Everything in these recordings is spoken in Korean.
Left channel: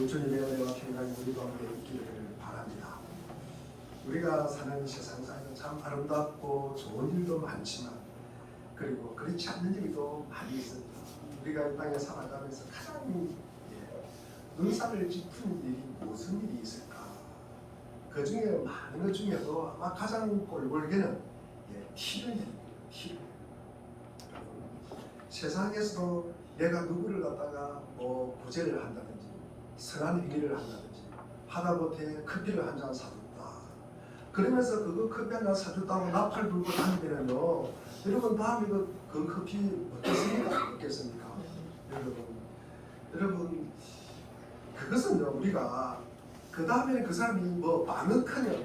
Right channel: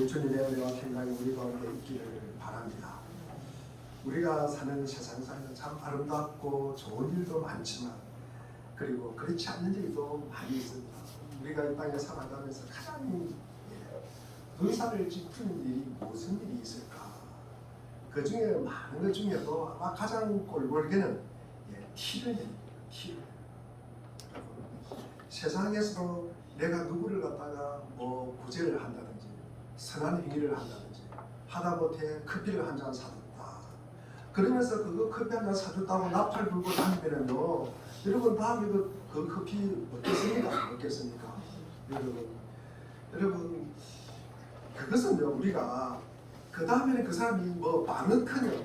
우리 주님의 은혜와 평강이 우리 가운데 있기를 바랍니다. 우리가 사는 세상에는 참 아름답고 좋은 일도 많지만 그리고 그렇지 않는 일도 많이 있습니다. 우리가 이 땅에 살아가면서 가장 눈살을 찌푸는 일이 무슨 일이 있을까? 그 중에 많은 것 중에도 아마 가장 꼴볼게는 티를 내립니다. 티를 내립니다. 세상에서도 내가 누구를 갖다가 구제를 한다든지 선한 행위를 한다든지 하다못해 커피를 한 잔 사줬다. 그러면서 그거 커피 한 잔 사줬다고 나팔 불고 다니면요, 여러분 다음에 그 커피 먹겠습니까? 먹겠습니까? 여러분 그것은요, 우리가 그 다음에는 그 사람이 많은커녕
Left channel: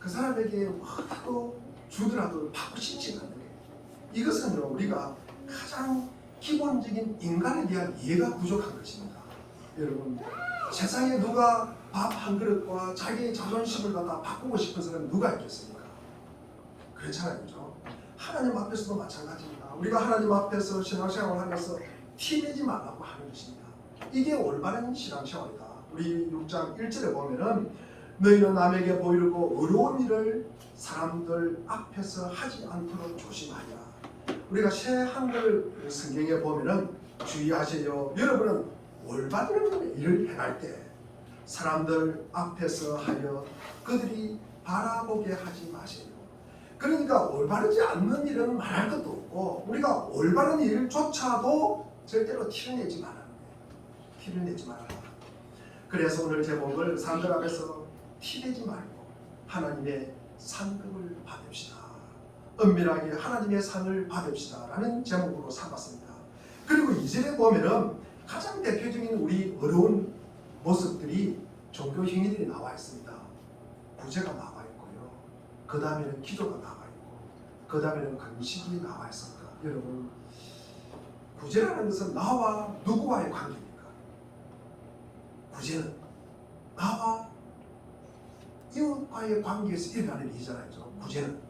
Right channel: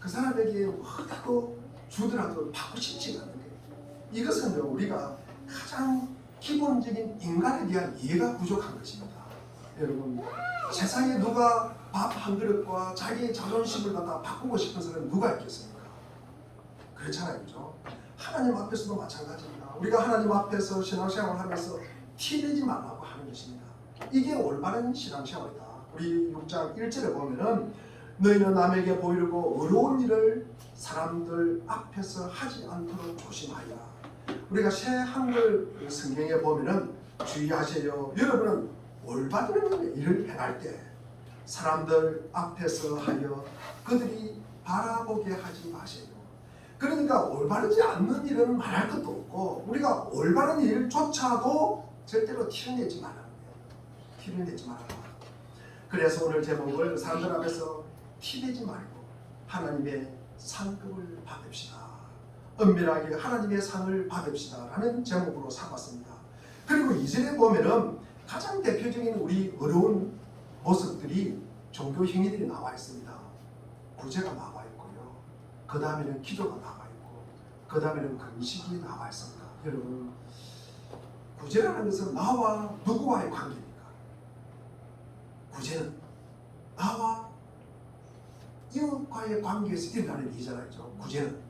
그 사람에게 뭐라도 주더라도 받고 싶지 않은 게, 이것은요 우리가 가장 기본적인 인간에 대한 이해가 부족한 것입니다. 여러분, 세상에 누가 밥 한 그릇과 자기의 자존심을 갖다 바꾸고 싶은 사람이 누가 있겠습니까? 그렇잖아요, 그죠? 하나님 앞에서도 마찬가지입니다. 우리가 하나님 앞에서 신앙생활을 하면서 티내지 말라고 하는 것입니다. 이게 올바른 신앙생활이다. 우리 6장 1절에 보면은 너희는 남에게 보이려고 어려운 일을 사람들 앞에서 하지 않도록 조심하라. 우리가 새 한글 성경에 보면은 주의하세요. 여러분은 올바른 일을 행할 때 사람들 앞에서 하여 그들이 바라보게 하지 마세요. 그러니까 올바르지 않는 일은 말할 것도 없고 우리가 올바른 일조차도 절대로 티를 내지 말라는 거예요. 티를 내지 말라. 그래서 오늘 제목을 사람들 앞에서 티내지 말고 하나님의 상급을 받읍시다. 은밀하게 하나님의 상을 받읍시다 라는 제목으로 삼았습니다. 그리고 2절에 보면은 가장 대표적인 우리 어려운 모습들이 종교 행위들이 나와 있습니다. 구제가 나와 있고요, 그 다음에는 기도가 나와 있고, 그 다음에는 금식이 나와 있습니다. 여러분, 구제라는 것은 나와 누구와의 관계입니까? 구제는 나와 이웃과의 관계에서 일어나는 일이잖아요. 구제는.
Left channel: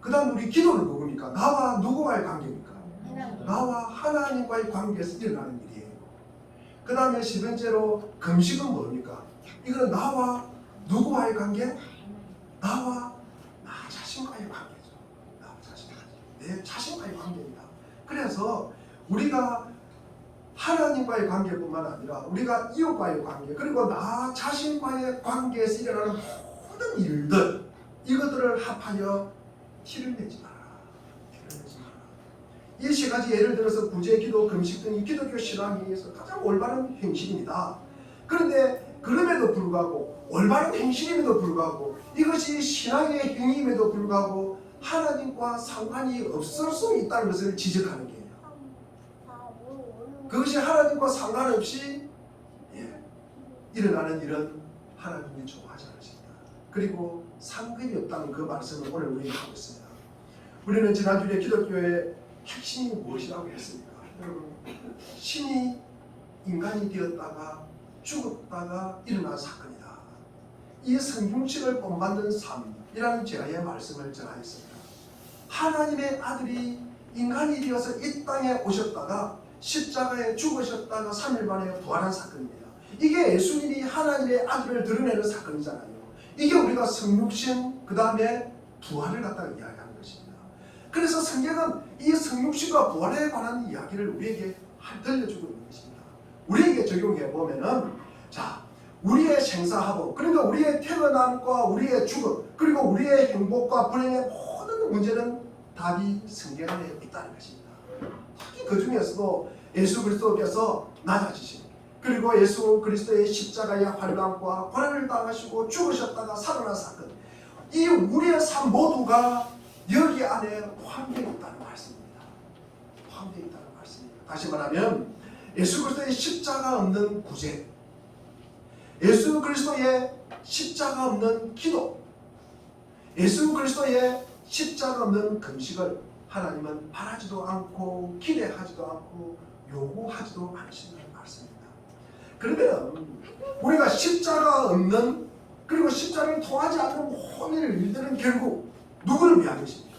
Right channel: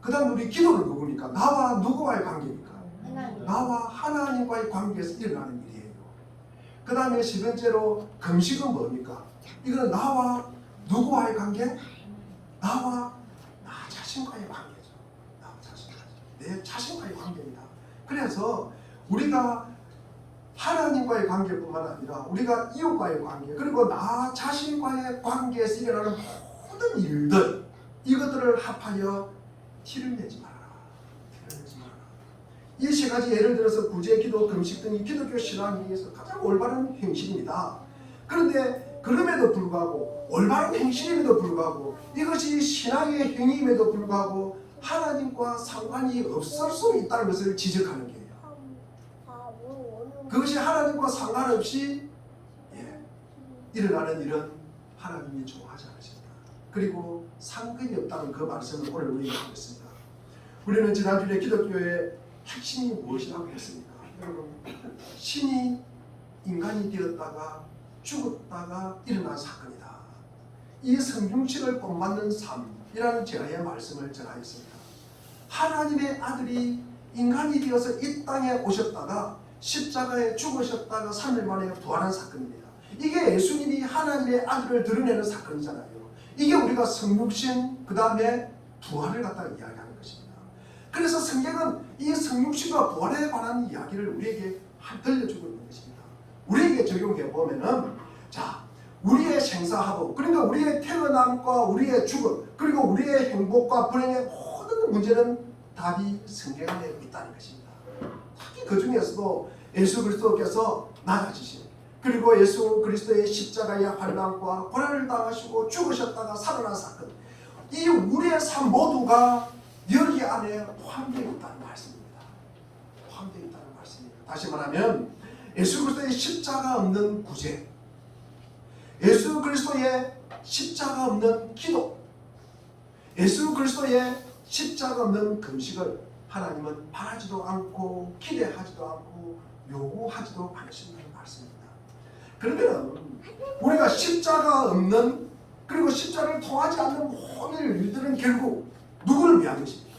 그 다음 우리 기도는 누굽니까? 나와 누구와의 관계입니까? 나와 하나님과의 관계에서 일어나는 일이에요. 그 다음에 세 번째로 금식은 뭡니까? 이거는 나와 누구와의 관계? 나와 나 자신과의 관계죠. 나와 자신과 내 자신과의 관계입니다. 그래서 우리가 하나님과의 관계뿐만 아니라 우리가 이웃과의 관계, 그리고 나 자신과의 관계에서 일어나는 모든 일들, 이것들을 합하여 티를 내지 마라. 티를 내지 마라. 이 세 가지 예를 들어서 구제, 기도, 금식 등이 기독교 신앙에서 가장 올바른 행실입니다. 그런데 그럼에도 불구하고, 올바른 행실임에도 불구하고, 이것이 신앙의 행위임에도 불구하고 하나님과 상관이 없을 수 있다는 것을 지적하는 거예요. 그것이 하나님과 상관없이 일어나는 일은 하나님이 좋아하지 않으신다. 그리고 상급이 없다는 그 말씀을 오늘 우리가 하고 있습니다. 우리는 지난주에 기독교의 핵심이 무엇이라고 했습니까? 여러분, 신이 인간이 되었다가 죽었다가 일어난 사건이다. 이 성육신을 본받는 삶이라는 제아의 말씀을 전하였습니다. 하나님의 아들이 인간이 되어서 이 땅에 오셨다가 십자가에 죽으셨다가 3일 만에 부활한 사건입니다. 이게 예수님이 하나님의 아들을 드러내는 사건이잖아요. 이게 우리가 성육신 그 다음에 부활을 갖다가 이야기하는 것입니다. 그래서 성경은 이 성육신과 부활에 관한 이야기를 우리에게 들려주고 있는 것입니다. 우리에게 적용해 보면은, 자, 우리의 생사하고, 그러니까 우리의 태어남과 우리의 죽음, 그리고 우리의 행복과 불행의 모든 문제는 답이 성경 안에 있다는 것입니다. 특히 그 중에서도 예수 그리스도께서 낮아지신, 그리고 예수 그리스도의 십자가의 환난과 고난을 당하시고 죽으셨다가 살아난 사건, 이 우리의 삶 모두가 여기 안에 포함되어 있다는 말씀입니다. 포함되어 있다는 말씀입니다. 다시 말하면 예수 그리스도의 십자가 없는 구제, 예수 그리스도의 십자가 없는 기도, 예수 그리스도의 십자가 없는 금식을 하나님은 바라지도 않고 기대하지도 않고 요구하지도 않으신다는 말씀입니다. 그러면 우리가 십자가 없는, 그리고 십자가를 통하지 않는 모든 일들은 결국 누구를 위한 것입니까?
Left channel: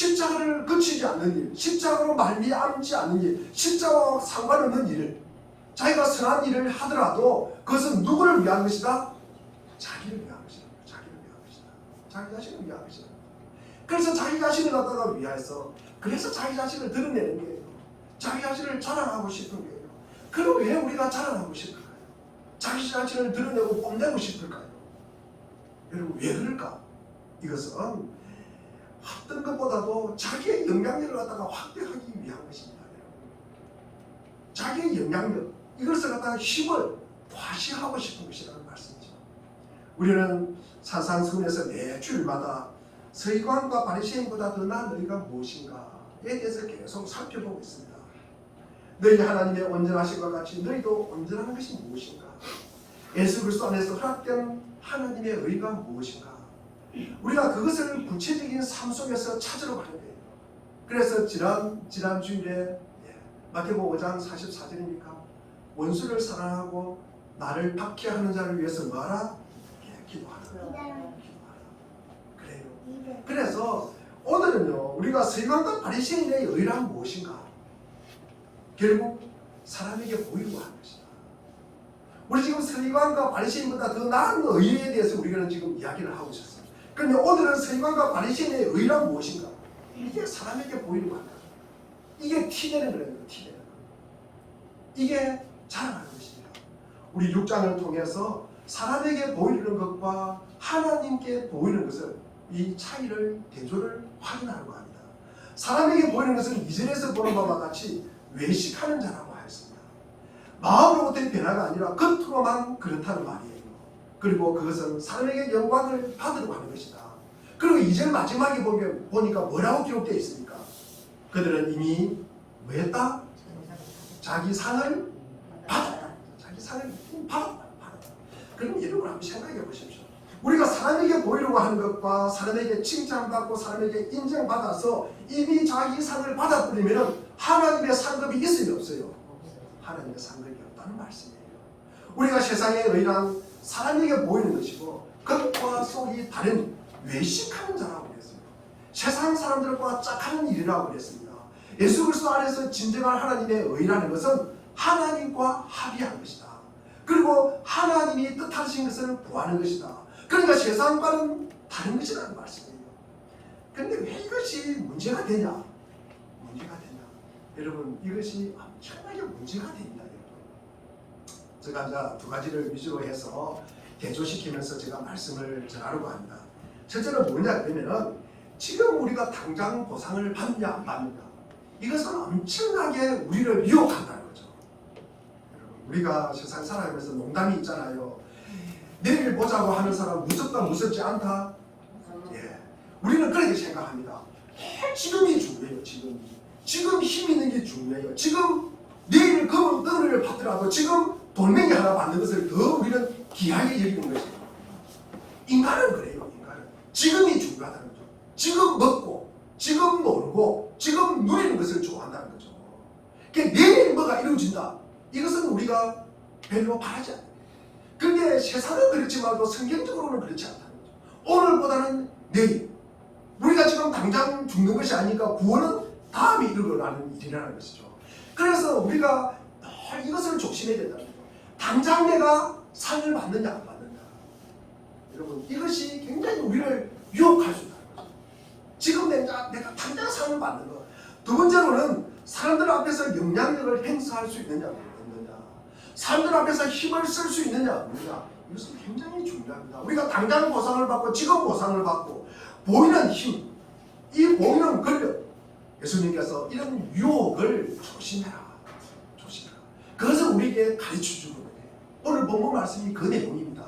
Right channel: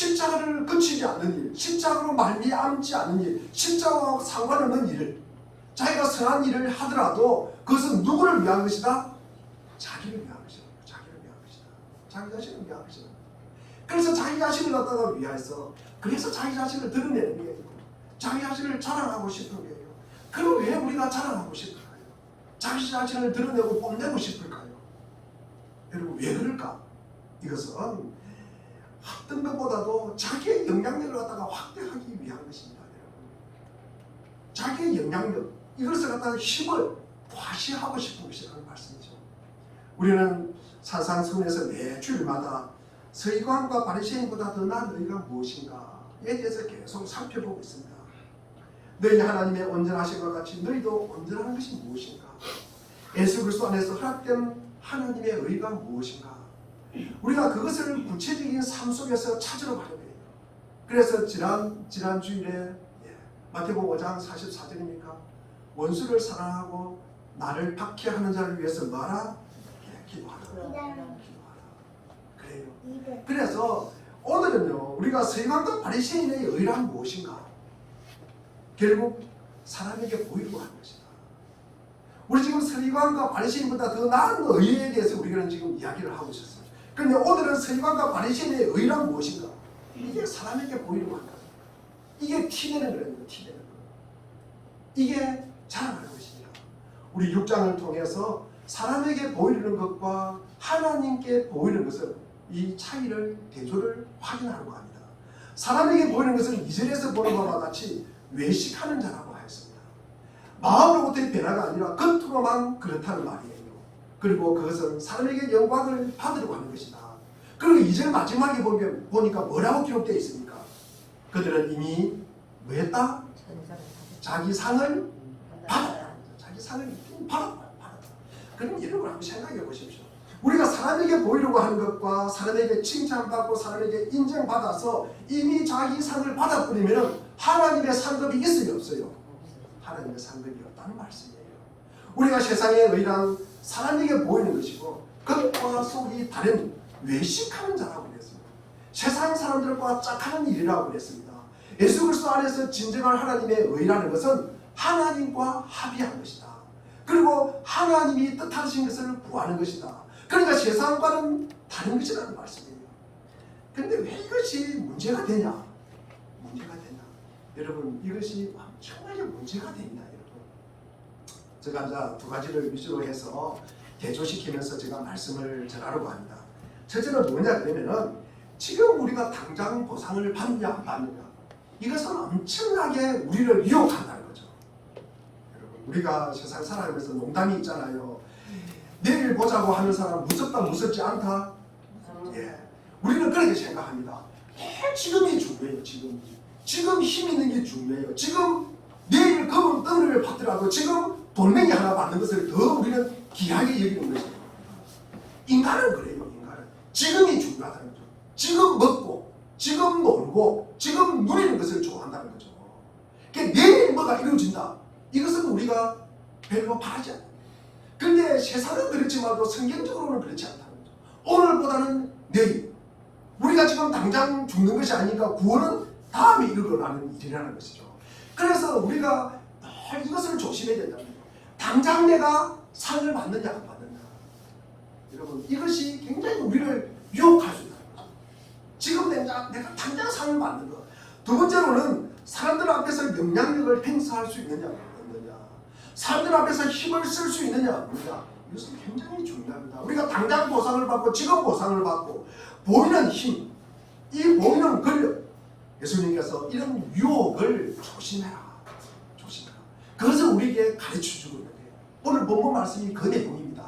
십자가를 거치지 않는 일, 십자가로 말미암지 않는 일, 십자가와 상관없는 일을 자기가 선한 일을 하더라도 그것은 누구를 위한 것이다? 자기를 위한 것이다. 자기를 위한 것이다. 자기 자신을 위한 것이다. 그래서 자기 자신을 갖다가 위해서 그래서 자기 자신을 드러내는 거예요. 자기 자신을 자랑하고 싶은 거예요. 그럼 왜 우리가 자랑하고 싶을까요? 자기 자신을 드러내고 뽐내고 싶을까요? 여러분 왜 그럴까? 이것은 어떤 것보다도 자기의 영향력을 갖다가 확대하기 위한 것입니다. 여러분. 자기의 영향력 이것을 갖다가 힘을 과시하고 싶은 것이라는 말씀이죠. 우리는 산상수훈에서 매 주일마다 서기관과 바리새인보다 더 나은 너희가 무엇인가에 대해서 계속 살펴보고 있습니다. 너희 하나님의 온전하심과 같이 너희도 온전한 것이 무엇인가? 예수 그리스도 안에서 허락된 하나님의 의가 무엇인가? 우리가 그것을 구체적인 삶 속에서 찾으러 가는 거예요. 그래서 지난 주일에 마태복음 5장 44절입니까? 원수를 사랑하고 나를 박해하는 자를 위해서 뭐하라? 기도하라. 그래요. 그래서 오늘은요 우리가 서기관과 바리새인의 의란 무엇인가? 결국 사람에게 보이려고 하는 것이다. 우리 지금 서기관과 바리새인보다 더 나은 의에 대해서 우리가 지금 이야기를 하고 있었어요. 그런데 오늘은 서기관과 바리새인의 의란 무엇인가? 이게 사람에게 보이려고 한다. 이게 티내는 거예요. 티내는 거. 이게 자랑하는 것입니다. 우리 6장을 통해서 사람에게 보이는 것과 하나님께 보이는 것을 이 차이를 대조를 확인하려고 합니다. 사람에게 보이는 것은 2절에서 보는 것과 같이 외식하는 자라고 하였습니다. 마음으로부터의 변화가 아니라 겉으로만 그렇다는 말이에요. 그리고 그것은 사람에게 영광을 받으려고 하는 것이다. 그리고 2절 마지막에 보니까 뭐라고 기록되어 있습니까? 그들은 이미 뭐 했다? 자기 상을 받았다. 자기 상을 받았다. 그럼 여러분 한번 생각해 보십시오. 우리가 사람에게 보이려고 하는 것과 사람에게 칭찬받고 사람에게 인정받아서 이미 자기 상을 받아버리면 하나님의 상급이 있으면 없어요. 하나님의 상급이 없다는 말씀이에요. 우리가 세상의 의란 사람에게 보이는 것이고 겉과 속이 다른 외식하는 자라고 그랬어요. 세상 사람들과 짝하는 일이라고 그랬습니다. 예수 그리스도 안에서 진정한 하나님의 의라는 것은 하나님과 합의한 것이다. 그리고 하나님이 뜻하신 것을 구하는 것이다. 그러니까 세상과는 다른 것이라는 말씀이에요. 그런데 왜 이것이 문제가 되냐? 여러분 이것이 엄청나게 문제가 됩니다. 여러분. 제가 이제 두 가지를 위주로 해서 대조시키면서 제가 말씀을 전하려고 합니다. 첫째는 뭐냐 그러면은 지금 우리가 당장 보상을 받느냐 안 받느냐 이것은 엄청나게 우리를 유혹한다는 거죠. 여러분 우리가 세상 살아가면서 농담이 있잖아요. 내일 보자고 하는 사람 무섭다 무섭지 않다. 우리는 그렇게 생각합니다. 지금이 중요해요. 지금 힘 있는 게 중요해요. 지금 내일 검은 떡을 받더라도 지금 돌멩이 하나 받는 것을 더 우리는 귀하게 여기는 것이에요. 인간은 그래요. 인간은 지금이 중요하다는 거죠. 지금 먹고 지금 놀고 지금 누리는 것을 좋아한다는 거죠. 그러니까 내일 뭐가 이루어진다. 이것은 우리가 별로 바라지 않는 거예요. 근데 세상은 그렇지만도 성경적으로는 그렇지 않다는 거죠. 오늘보다는 내일. 우리가 지금 당장 죽는 것이 아니니까 구원은 다음에 일어나는 일이라는 것이죠. 그래서 우리가 늘 이것을 조심해야 된다는 거죠. 당장 내가 상을 받느냐 안 받느냐. 여러분 이것이 굉장히 우리를 유혹할 수 있다는 거죠. 지금 내가 당장 상을 받는 것. 두 번째로는 사람들 앞에서 영향력을 행사할 수 있느냐 없느냐. 사람들 앞에서 힘을 쓸 수 있느냐 없느냐. 이것은 굉장히 중요합니다. 우리가 당장 보상을 받고 지금 보상을 받고 보이는 힘, 이 보이는 권력, 예수님께서 이런 유혹을 조심해라. 그것을 우리에게 가르쳐주고 있는 거예요. 오늘 본문 말씀이 그 내용입니다.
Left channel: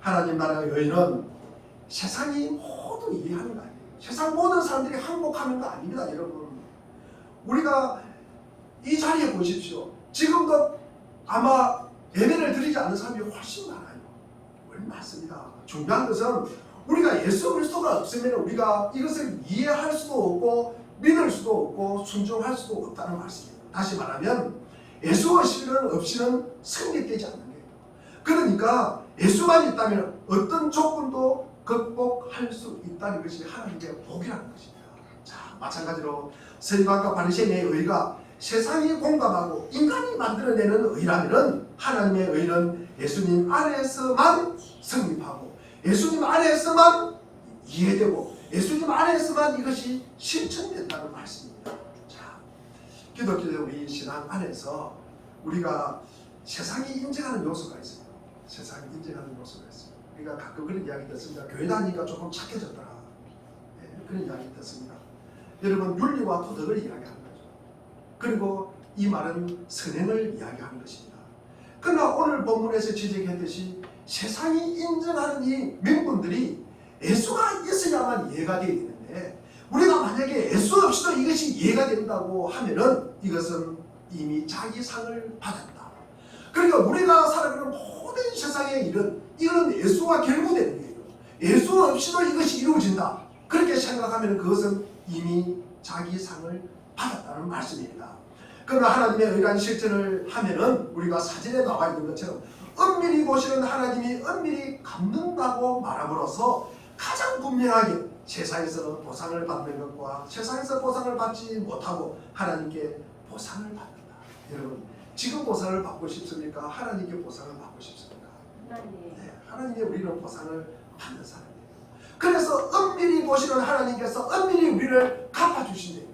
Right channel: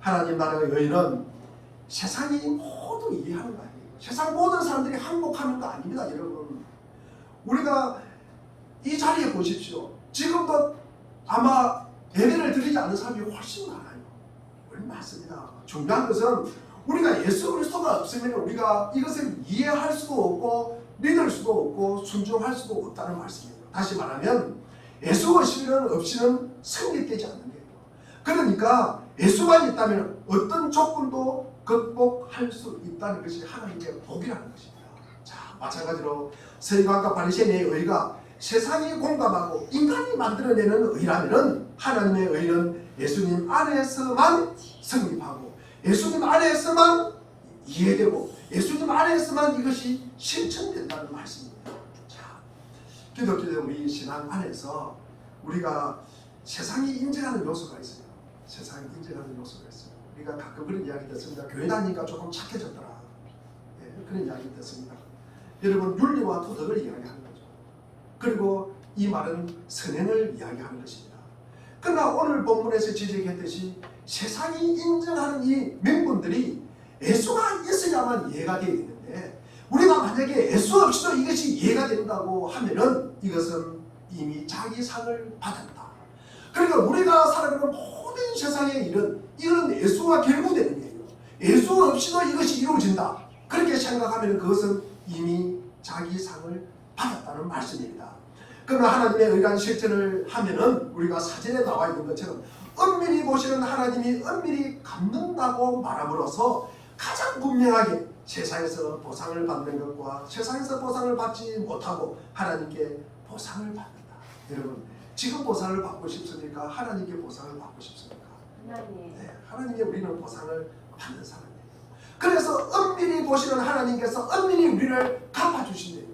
하나님 나라의 의는 세상이 모두 이해하는 거 아니에요. 세상 모든 사람들이 항복하는 거 아닙니다. 여러분 우리가 이 자리에 보십시오. 지금도 아마 예배를 드리지 않는 사람이 훨씬 많아요. 맞습니다. 중요한 것은 우리가 예수 그리스도가 없으면 우리가 이것을 이해할 수도 없고 믿을 수도 없고 순종할 수도 없다는 말씀입니다. 다시 말하면 예수 없이는 성립되지 않는 거예요. 그러니까 예수만 있다면 어떤 조건도 극복할 수 있다는 것이 하나님의 복이라는 것입니다. 마찬가지로 서기관과 바리새인의 의가 세상이 공감하고 인간이 만들어내는 의라면은 하나님의 의는 예수님 안에서만 성립하고 예수님 안에서만 이해되고 예수님 안에서만 이것이 실천된다는 말씀입니다. 자, 기독교의 우리 신앙 안에서 우리가 세상이 인정하는 요소가 있어요. 세상이 인정하는 요소가 있어요. 우리가 가끔 그런 이야기 듣습니다. 교회 다니니까 조금 착해졌더라. 예, 그런 이야기 듣습니다. 여러분, 윤리와 도덕을 이야기하는 거죠. 그리고 이 말은 선행을 이야기하는 것입니다. 그러나 오늘 본문에서 지적했듯이 세상이 인정하는 이 명분들이 예수가 있어야만 이해가 되어 있는데 우리가 만약에 예수 없이도 이것이 이해가 된다고 하면은 이것은 이미 자기 상을 받았다. 그러니까 우리가 살아가는 모든 세상의 일은 이건 예수와 결부되는 거예요. 예수 없이도 이것이 이루어진다. 그렇게 생각하면 그것은 이미 자기 상을 받았다는 말씀입니다. 그러나 하나님의 의간 실천을 하면은 우리가 사진에 나와 있는 것처럼 엄밀히 보시는 하나님이 엄밀히 갚는다고 말함으로써 가장 분명하게 세상에서 보상을 받는 것과 세상에서 보상을 받지 못하고 하나님께 보상을 받는다. 여러분, 지금 보상을 받고 싶습니까? 하나님께 보상을 받고 싶습니까? 네, 하나님께 우리는 보상을 받는 사람이에요. 그래서 엄밀히 보시는 하나님께서 엄밀히 우리를 갚아주신대요.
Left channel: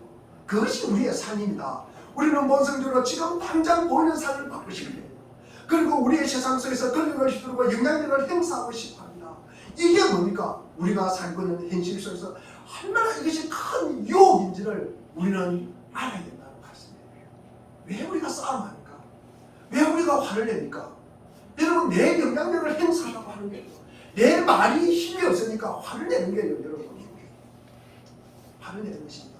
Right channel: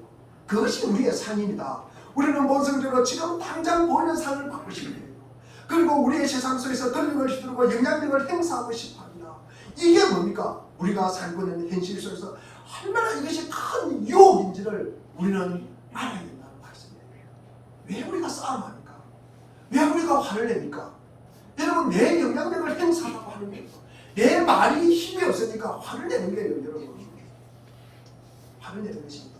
그것이 우리의 상입니다. 우리는 본성적으로 지금 당장 보이는 상을 받고 싶어요. 그리고 우리의 세상 속에서 권력을 휘두르고 영향력을 행사하고 싶어합니다. 이게 뭡니까? 우리가 살고 있는 현실 속에서 얼마나 이것이 큰 유혹인지를 우리는 알아야 된다는 말씀이에요. 왜 우리가 싸움합니까? 왜 우리가 화를 내니까? 여러분, 내 영향력을 행사하려고 하는 거예요. 내 말이 힘이 없으니까 화를 내는 거예요. 여러분, 화를 내는 것입니다.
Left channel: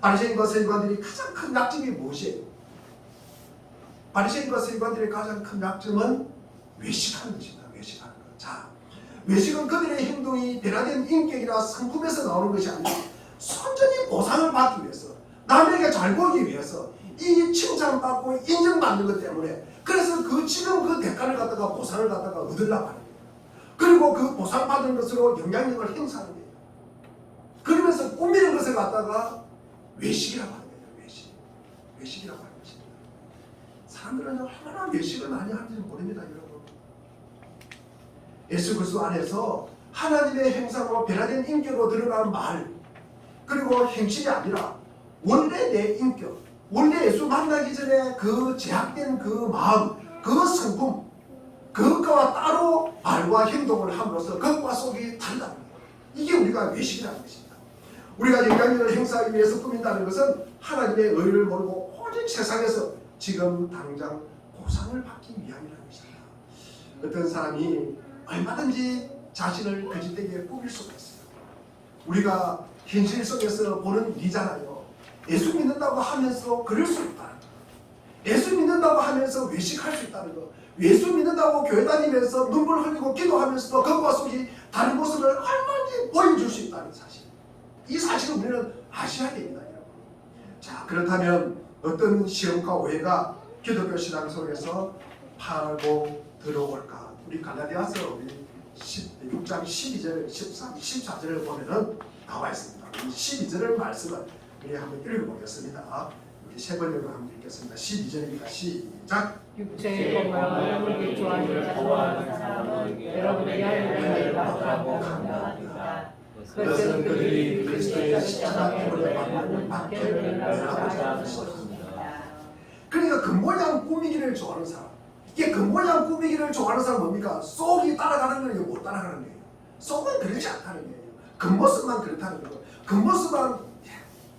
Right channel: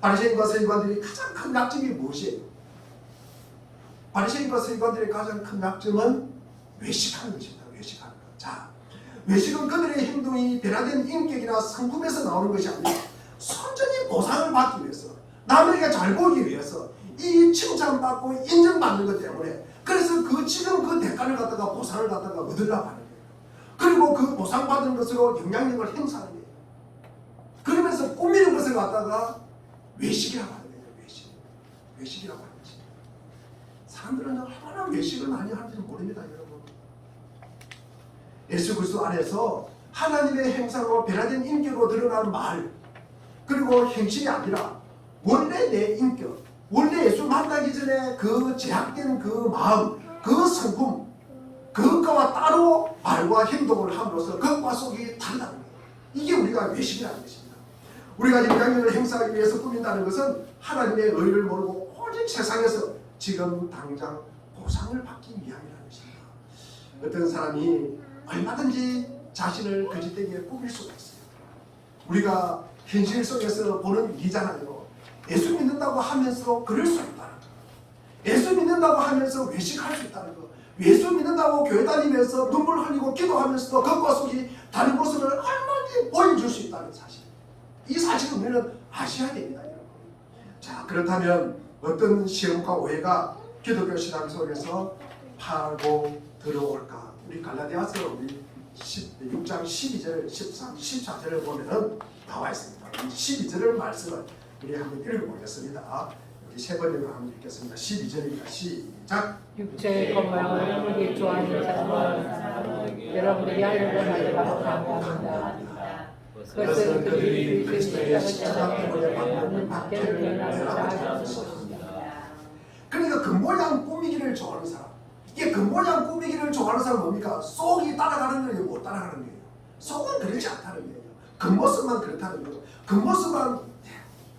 바리새인과 서기관들이 가장 큰 약점이 무엇이에요? 바리새인과 서기관들의 가장 큰 약점은 외식하는 것입니다. 외식하는 것. 자, 외식은 그들의 행동이 변화된 인격이나 성품에서 나오는 것이 아니라 순전히 보상을 받기 위해서, 남에게 잘 보이기 위해서, 이 칭찬받고 인정받는 것 때문에, 그래서 지금 그 대가를 갖다가 보상을 갖다가 얻으려고 하는 거예요. 그리고 그 보상받은 것으로 영향력을 행사하는 거예요. 그러면서 꾸미는 것을 갖다가 외식이라고 하는 거예요. 외식이라고 하는 것입니다. 사람들은 얼마나 외식을 많이 하는지 모릅니다. 여러분, 예수 그리스도 안에서 하나님의 형상으로 변화된 인격으로 드러난 말, 그리고 형식이 아니라 원래 내 인격, 원래 예수 만나기 전에 그 제약된 그 마음, 그 성품, 그것과 따로 말과 행동을 함으로써 겉과 속이 다르다는 거예요. 이게 우리가 외식이라는 것입니다. 우리가 영향력을 행사하기 위해서 꾸민다는 것은 하나님의 의를 모르고 오직 세상에서 지금 당장 보상을 받기 위함이라는 것입니다. 어떤 사람이 얼마든지 자신을 거짓되게 꾸밀 수가 있어요. 우리가 현실 속에서 보는 일이잖아요. 예수 믿는다고 하면서 그럴 수 있다는 거. 예수 믿는다고 하면서 외식할 수 있다는 거. 예수 믿는다고 교회 다니면서 눈물 흘리고 기도하면서도 겉과 속이 다른 모습을 얼마나 보여줄 수 있다는 사실. 이 사실을 우리는 아셔야 됩니다. 여러분. 자, 그렇다면 어떤 시험과 오해가 기독교 신앙 속에서 파고 들어올까? 우리 갈라디아서 우리 6장 12절, 13, 14절을 보면은 나와 있습니다. 이 12절의 말씀을 우리 한번 읽어보겠습니다. 우리 세 번역으로 한번 읽겠습니다. 12절입니다. 시작. 육체의 것과 영을 좋아하는 사람은 여러분의 양육을 받고 한다. 그것은 그들이 그리스도의 십자가 표를 받는 박해를 면하고자 하는 것입니다. 그러니까 겉모양 꾸미기를 좋아하는 사람, 이게 겉모양 꾸미기를 좋아하는 사람은 뭡니까? 속이 따라가는 거예요, 못 따라가는 거예요. 속은 그렇지 않다는 거예요. 겉모습만 그렇다는 거예요. 겉모습만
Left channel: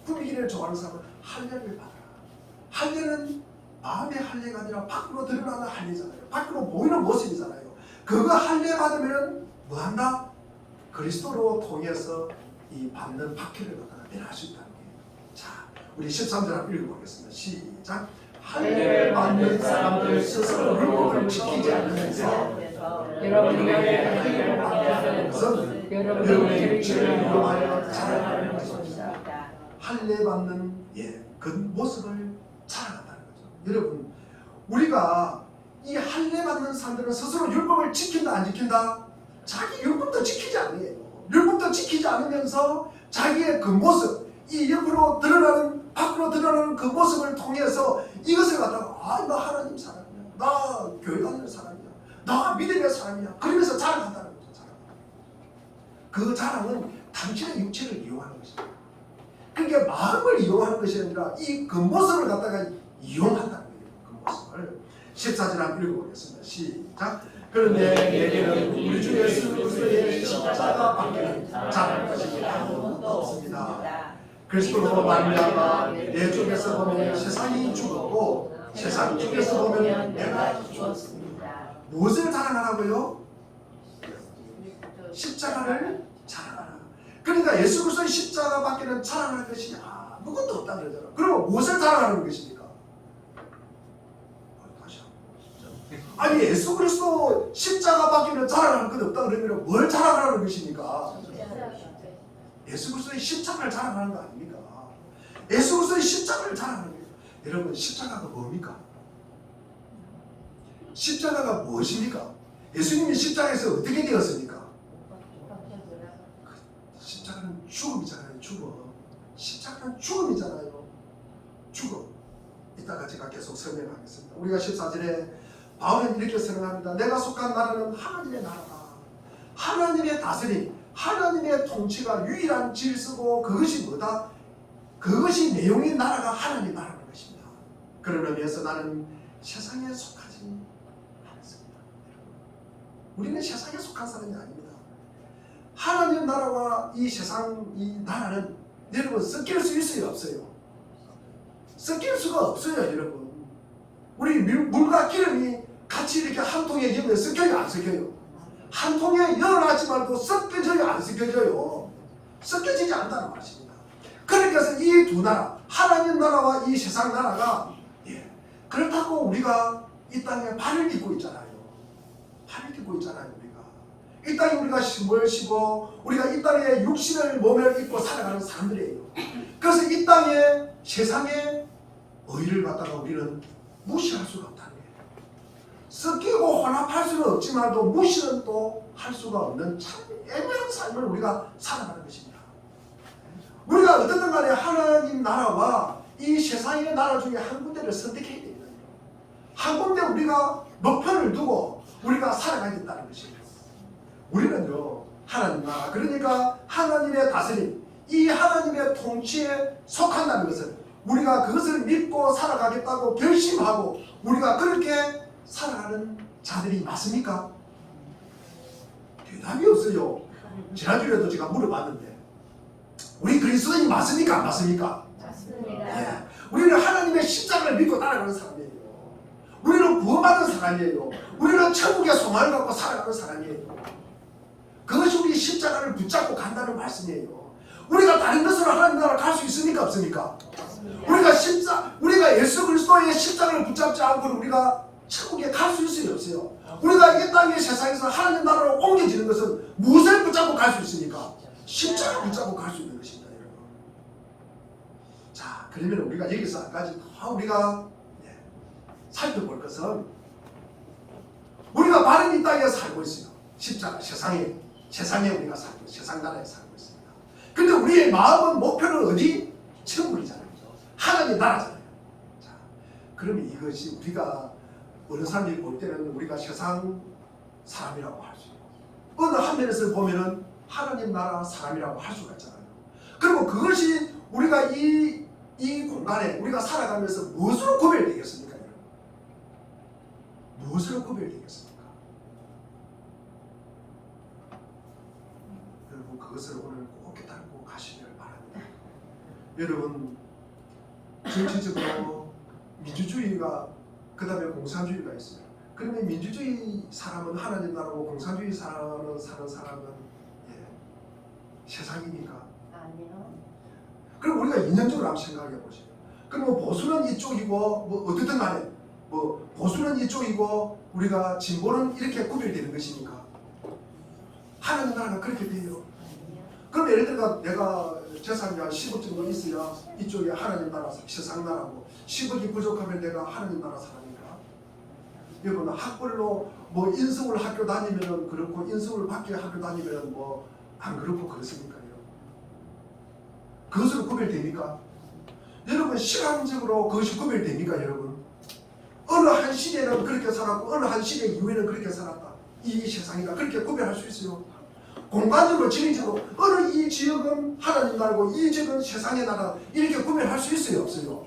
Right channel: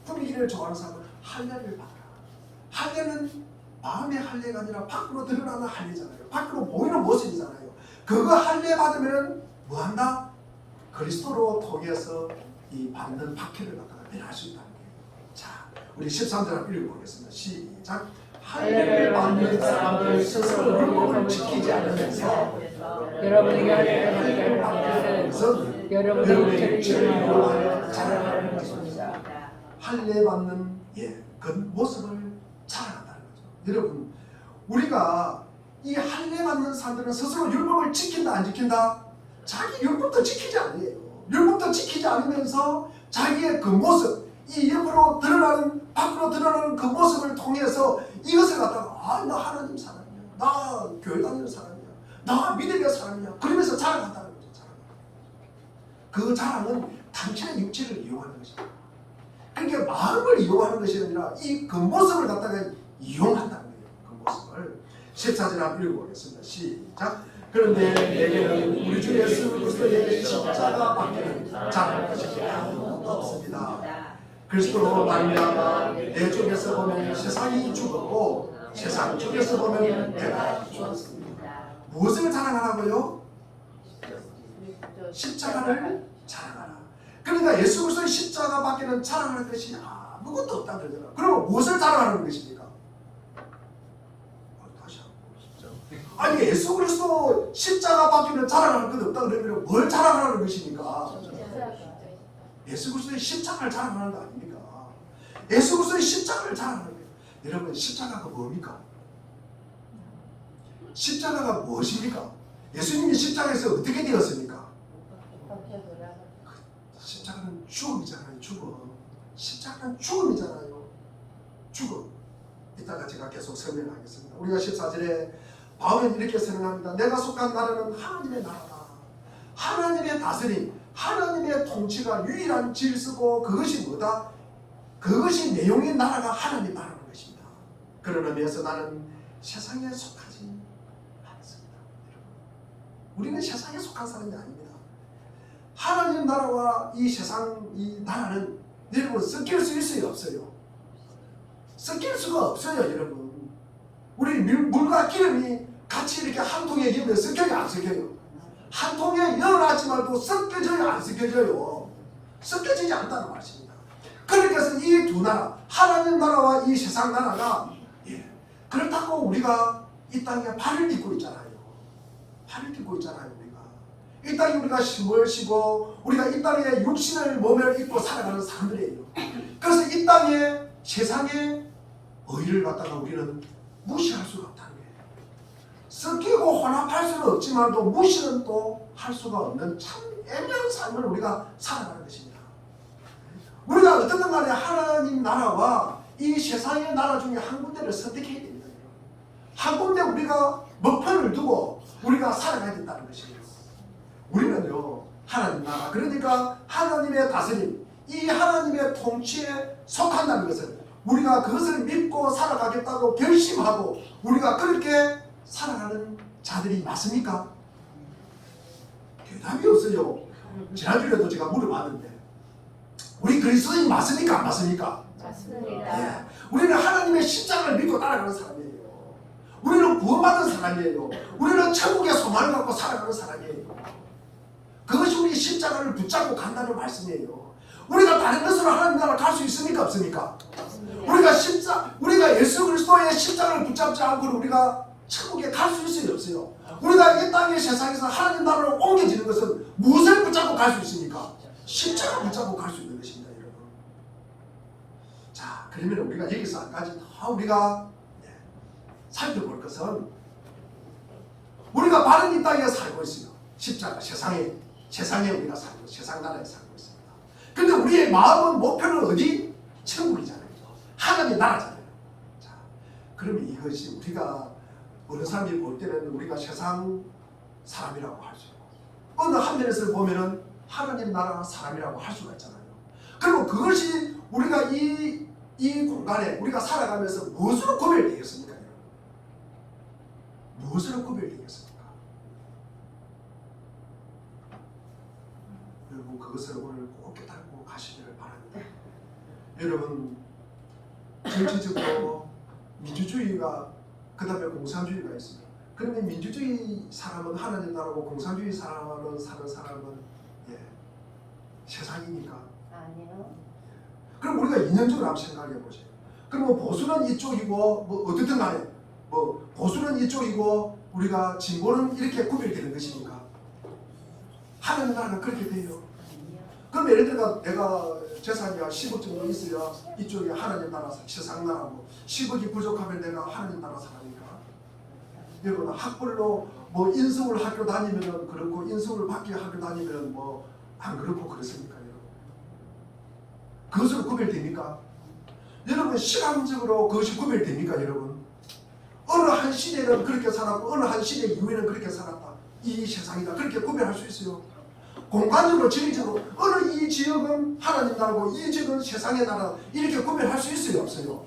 꾸미기를 좋아하는 사람은 할례를 받아라. 할례는 마음의 할례가 아니라 밖으로 드러나는 할례잖아요. 밖으로 보이는 모습이잖아요. 그거 할례 받으면 뭐한다? 그리스도로 통해서 이 받는 박해를 갖다가 면할 수 있다는 거예요. 자, 우리 13절 읽어보겠습니다. 시작. 할례를 받는 사람들 스스로 율법을 지키지 않으면서 여러분의 할례를 받는 것은 여러분의 죄를 이용하여 자랑하는 것입니다. 할례 받는 그 모습을 자랑한다는 거죠. 여러분, 우리가 이 할례 받는 사람들은 스스로 율법을 지킨다 안 지킨다? 자기 율법도 지키지 않아요. 율법도 지키지 않으면서 자기의 그 모습, 이 옆으로 드러나는 밖으로 드러나는 그 모습을 통해서 이것을 갖다가 나 하나님 사람이야, 나 교회 다니는 사람이야, 나 믿음의 사람이야 그러면서 자랑한다는 거죠. 그 자랑은 당신의 육체를 이용하는 것입니다. 그러니까 마음을 이용하는 것이 아니라 이 그 모습을 갖다가 이용한다는 거예요. 그 모습을 14절 한번 읽어보겠습니다. 시작. 그런데 내게는 우리 주 예수 그리스도의 십자가 밖에는 자랑할 것이 아무것도 없습니다. 그리스도로 말미암아 내 쪽에서 보면 세상이 죽었고 세상 쪽에서 보면 내가 죽었습니다. 무엇을 자랑하라고요? 십자가를 자랑하라. 그러니까 예수 그리스도의 십자가 밖에는 자랑할 것이 아무것도 없다는 거잖아요. 그러면 무엇을 자랑하는 것입니까? 아니 예수 그리스도 십자가 밖에는 자랑할 것 없다 그러면 뭘 자랑하는 것입니까? 예수 그리스도의 십자가를 자랑하는 거 아닙니까? 예수 그리스도의 십자가를 자랑하는 거예요. 여러분 십자가가 뭡니까? 십자가가 무엇입니까? 예수님이 십자가에서 어떻게 되었습니까? 십자가는 죽음이잖아요. 죽음. 십자가는 죽음이잖아요. 죽음. 이따가 제가 계속 설명하겠습니다. 우리가 14절에 바울은 이렇게 설명합니다. 내가 속한 나라는 하나님의 나라다. 하나님의 다스림, 하나님의 통치가 유일한 질서고 그것이 뭐다? 그것이 내용의 나라가 하나님 나라는 것입니다. 그런 의미에서 나는 세상에 속하지 않습니다. 우리는 세상에 속한 사람이 아닙니다. 하나님 나라와 이 세상 이 나라는 여러분 섞일 수 있어요 없어요? 섞일 수가 없어요 여러분. 우리 물과 기름이 같이 이렇게 한 통에 넣으면 섞여요 안 섞여요? 한 통에 넣어놨지만도 섞여져요 안 섞여져요? 섞여지지 않다는 말씀입니다. 그러니까 이 두 나라 하나님 나라와 이 세상 나라가 그렇다고 우리가 이 땅에 발을 딛고 있잖아요. 발을 딛고 있잖아요 우리가. 이 땅에 우리가 힘을 쉬고 우리가 이 땅에 육신을 몸에 입고 살아가는 사람들이에요. 그래서 이 땅에 세상의 의를 갖다가 우리는 무시할 수가 없다는 거예요. 섞이고 혼합할 수는 없지만도 무시는 또 할 수가 없는 참 애매한 삶을 우리가 살아가는 것입니다. 우리가 어떻든 간에 하나님 나라와 이 세상의 나라 중에 한 군데를 선택해야 됩니다. 한 군데 우리가 목표를 두고 우리가 살아가야 된다는 것이에요. 우리는요 하나님 나라 그러니까 하나님의 다스림 이 하나님의 통치에 속한다는 것을 우리가 그것을 믿고 살아가겠다고 결심하고 우리가 그렇게 살아가는 자들이 맞습니까? 대답이 없어요. 지난주에도 제가 물어봤는데 우리 그리스도인이 맞습니까? 안 맞습니까? 맞습니다. 예. 우리는 하나님의 십자가를 믿고 따라가는 사람이에요. 우리는 구원받은 사람이에요. 우리는 천국의 소망을 갖고 살아가는 사람이에요. 그것이 우리 십자가를 붙잡고 간다는 말씀이에요. 우리가 다른 것으로 하나님 나라를 갈 수 있습니까? 없습니까? 우리가 예수 그리스도의 십자가를 붙잡지 않고 우리가 천국에 갈 수 있어요? 없어요? 우리가 이 땅의 세상에서 하나님 나라로 옮겨지는 것은 무엇을 붙잡고 갈 수 있습니까? 십자가 붙잡고 갈 수 있는 것입니다. 여러분. 자, 그러면 우리가 여기서 한 가지 더 우리가 살펴볼 것은 우리가 바른 이 땅에 살고 있어요. 십자가 세상에 우리가 살고 세상 나라에 살고 있습니다. 근데 우리의 마음은 목표는 어디? 천국이잖아요. 하나님의 나라잖아요. 자, 그러면 이것이 우리가 어느 사람이 볼 때는 우리가 세상 사람이라고 할 수 있고 어느 한 면에서 보면은 하나님 나라 사람이라고 할 수가 있잖아요. 그리고 그것이 우리가 이 공간에 우리가 살아가면서 무엇으로 구별되겠습니까? 여러분? 무엇으로 구별되겠습니까? 여러분 그것을 오늘 꼭 깨닫고 가시기를 바랍니다. 여러분 정치적으로 민주주의가 그 다음에 공산주의가 있어요. 그런데 민주주의 사람은 하나님 나라고 공산주의 사람은 사는 사람은 세상이니까. 아니요. 그럼 우리가 이념적으로 한번 생각해 보세요. 그럼 뭐 보수는 이쪽이고 뭐 어떻든 간에 뭐 보수는 이쪽이고 우리가 진보는 이렇게 구별되는 것입니까? 하나님 나라가 그렇게 돼요. 그럼 예를 들어 내가 재산이 한 10억 정도 있어야 이쪽이 하나님 나라 세상 나라고 10억이 부족하면 내가 하나님 나라 사람인가? 여러분 학벌로 뭐 인서울 학교 다니면은 그렇고 인서울 밖에 학교 다니면은 뭐 안 그렇고 그렇습니까? 여러분? 그것으로 구별됩니까? 여러분 시간적으로 그것이 구별됩니까 여러분? 어느 한 시대는 그렇게 살았고 어느 한 시대 이후에는 그렇게 살았다. 이 세상이다. 그렇게 구별할 수 있어요. 공간적으로 지리적으로 어느 이 지역은 하나님 나라고 이 지역은 세상의 나라 이렇게 구별할 수 있어요? 없어요?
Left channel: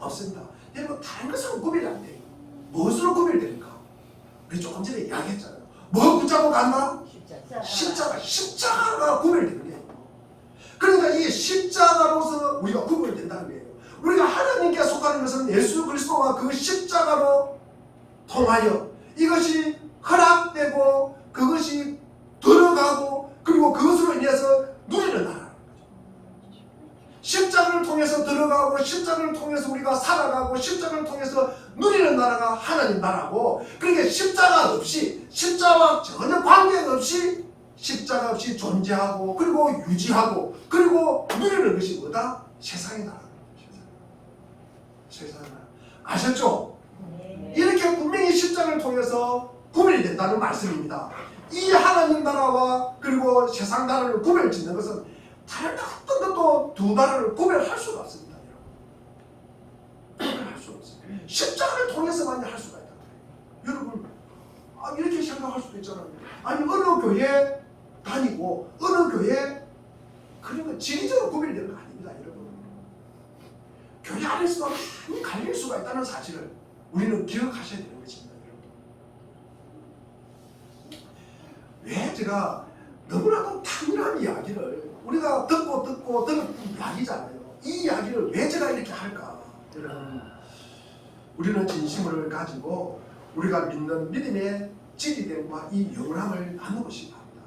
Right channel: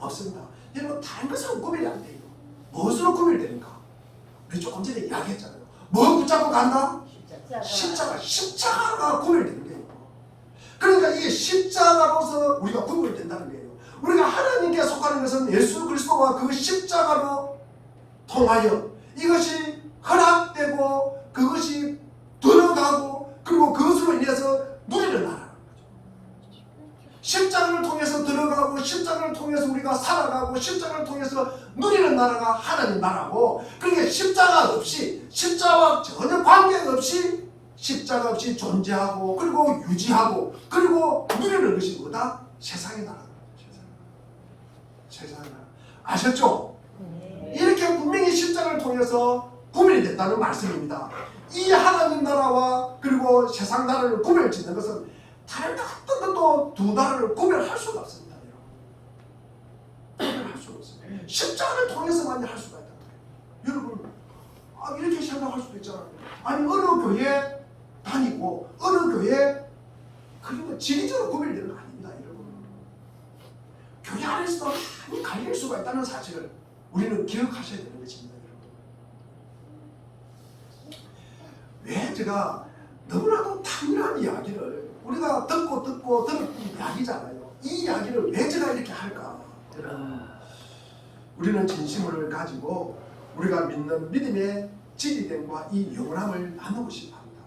없습니다. 여러분 다른 것으로 구별이 안 돼요. 무엇으로 구별되는가? 우리 조금 전에 이야기했잖아요. 뭐 붙잡고 간다? 십자가가 구별되는 거예요. 그러니까 이게 십자가로서 우리가 구별된다는 거예요. 우리가 하나님께 속하는 것은 예수 그리스도와 그 십자가로 통하여 이것이 허락되고 그것이 들어가고 그리고 그것으로 인해서 누리는 나라라는 거죠. 십자가를 통해서 들어가고 십자가를 통해서 우리가 살아가고 십자가를 통해서 누리는 나라가 하나님 나라고, 그러니까 십자가 없이 십자가와 전혀 관계없이 십자가 없이 존재하고 그리고 유지하고 그리고 누리는 것이 뭐다? 세상의 나라입니다. 세상의 나라. 아셨죠? 네. 이렇게 분명히 십자가를 통해서 구별이 된다는 말씀입니다. 이 하나님 나라와 그리고 세상 나라를 구별짓는 것은 다른 어떤 것도 두 나라를 구별할 수가 없습니다. 구별할 수가 없어요. 십자가를 통해서만 할 수가 있다. 여러분 이렇게 생각할 수도 있잖아요. 아니 어느 교회 다니고 어느 교회 그러면 지리적으로 구별되는 거 아닙니다. 여러분 교회 안에서도 많이 갈릴 수가 있다는 사실을 우리는 기억하셔야 되는 것입니다. 왜 제가 너무나도 당연한 이야기를 우리가 듣고 들은 이야기잖아요. 이 이야기를 왜 제가 이렇게 할까? 여러분, 우리는 진심을 가지고 우리가 믿는 믿음의 진리됨과 이 영원함을 나누고 싶어 합니다.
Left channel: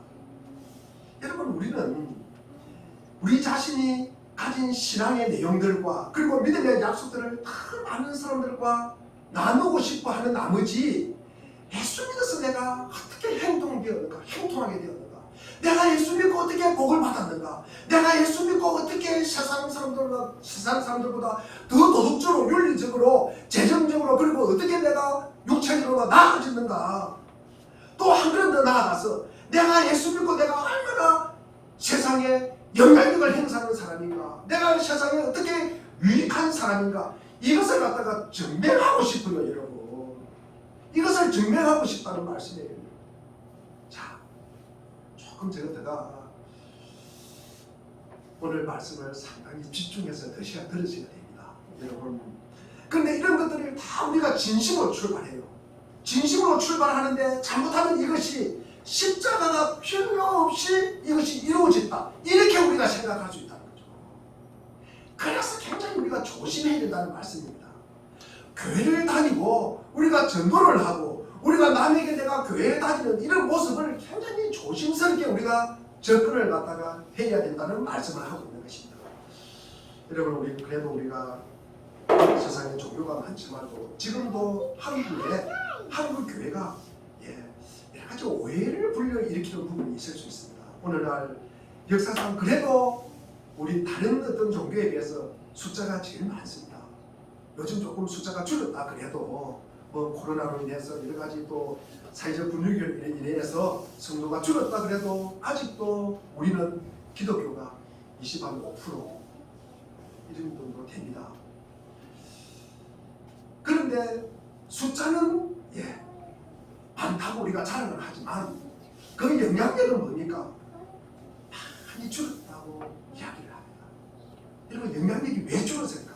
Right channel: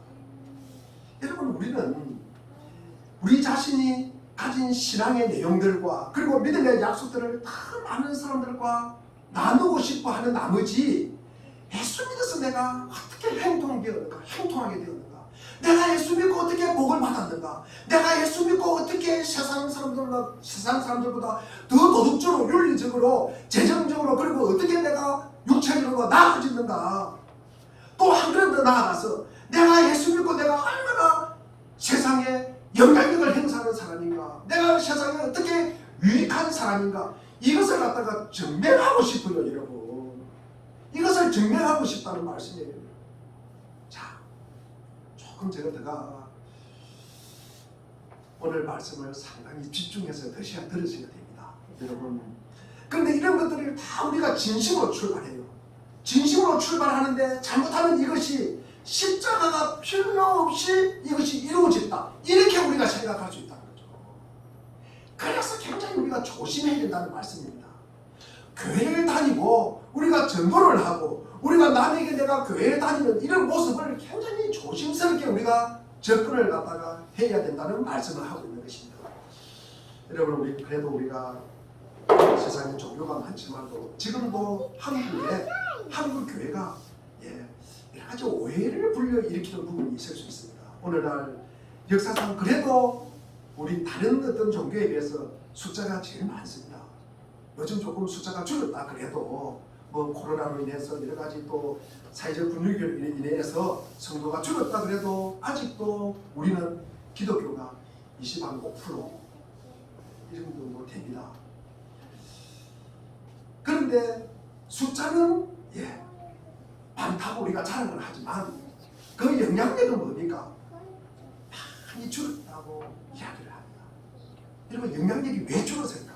여러분 우리는 우리 자신이 가진 신앙의 내용들과 그리고 믿음의 약속들을 다 많은 사람들과 나누고 싶어 하는 나머지 예수 믿어서 내가 어떻게 행동하게 되었는가? 내가 예수 믿고 어떻게 복을 받았는가? 내가 예수 믿고 어떻게 세상 사람들보다 더 도덕적으로 윤리적으로 재정적으로 그리고 어떻게 내가 육체적으로 나아졌는가? 또 한 걸음 더 나아가서 내가 예수 믿고 내가 얼마나 세상에 영향력을 행사하는 사람인가? 내가 세상에 어떻게 유익한 사람인가? 이것을 갖다가 증명하고 싶군요, 여러분. 이것을 증명하고 싶다는 말씀이에요. 자, 조금 제가 오늘 말씀을 상당히 집중해서 들으셔야 됩니다, 여러분. 그런데 이런 것들이 다 우리가 진심으로 출발해요. 진심으로 출발하는데 잘못하면 이것이 십자가가 필요 없이 이것이 이루어졌다. 이렇게 우리가 생각할 수 있다는 거죠. 그래서 굉장히 우리가 조심해야 된다는 말씀입니다. 교회를 다니고 우리가 전도를 하고 우리가 남에게 내가 교회에 다니는 이런 모습을 굉장히 조심스럽게 우리가 접근을 갖다가 해야 된다는 말씀을 하고 있는 것입니다. 여러분 우리 그래도 우리가 세상에 종교가 많지만도 지금도 한국 교회가 여러 가지 오해를 불러일으키는 부분이 있을 수 있습니다. 오늘날 역사상 그래도 우리 다른 어떤 종교에 비해서 숫자가 제일 많습니다. 요즘 조금 숫자가 줄었다 그래도 뭐 코로나로 인해서 여러 가지 또 사회적 분위기로 인해서 성도가 줄었다 그래도 아직도 우리는 기독교가 25% 이런 정도 됩니다. 그런데 숫자는 많다고 우리가 자랑을 하지만 그 영향력은 뭡니까? 많이 줄었다고 이야기를 합니다. 여러분 영향력이 왜 줄었을까?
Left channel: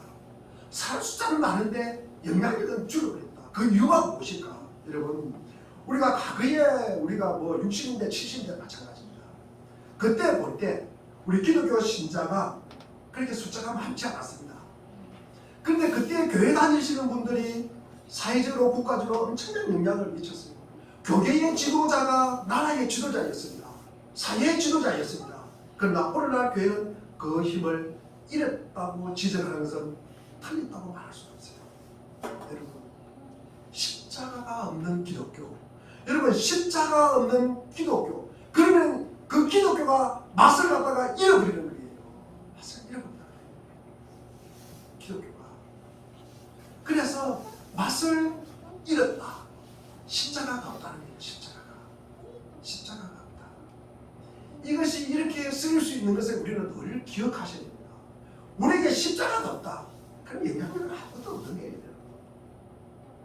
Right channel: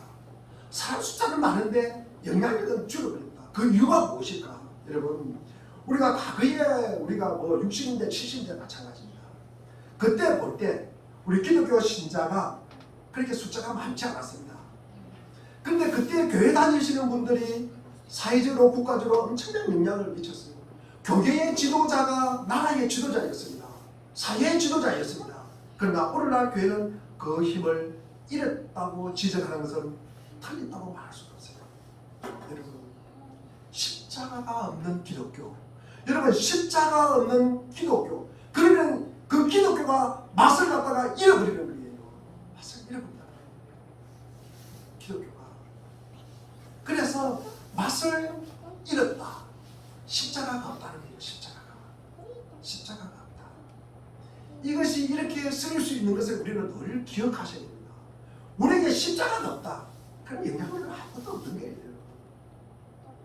사람 숫자는 많은데 영향력은 줄어버렸다. 그 이유가 무엇일까? 여러분 우리가 과거에 우리가 뭐 60년대 70년대 마찬가지입니다. 그때 볼 때 우리 기독교 신자가 그렇게 숫자가 많지 않았습니다. 그런데 그때 교회 다니시는 분들이 사회적으로 국가적으로 엄청난 영향을 미쳤어요. 교계의 지도자가 나라의 지도자였습니다. 사회의 지도자였습니다. 그러나 오늘날 교회는 그 힘을 잃었다고 지적하는 것은 틀렸다고 말할 수가 없어요. 여러분 십자가가 없는 기독교, 여러분 십자가 없는 기독교, 그러면 그 기독교가 맛을 갖다가 잃어버리는 거예요. 맛을 잃어버린다. 기독교가 그래서 맛을 잃었다. 십자가가 없다는 거예요. 십자가가 없다. 이것이 이렇게 쓰일 수 있는 것을 우리는 늘 기억하셔야 됩니다. 우리에게 십자가가 없다. 그럼 영향력은 아무것도 없는 거예요.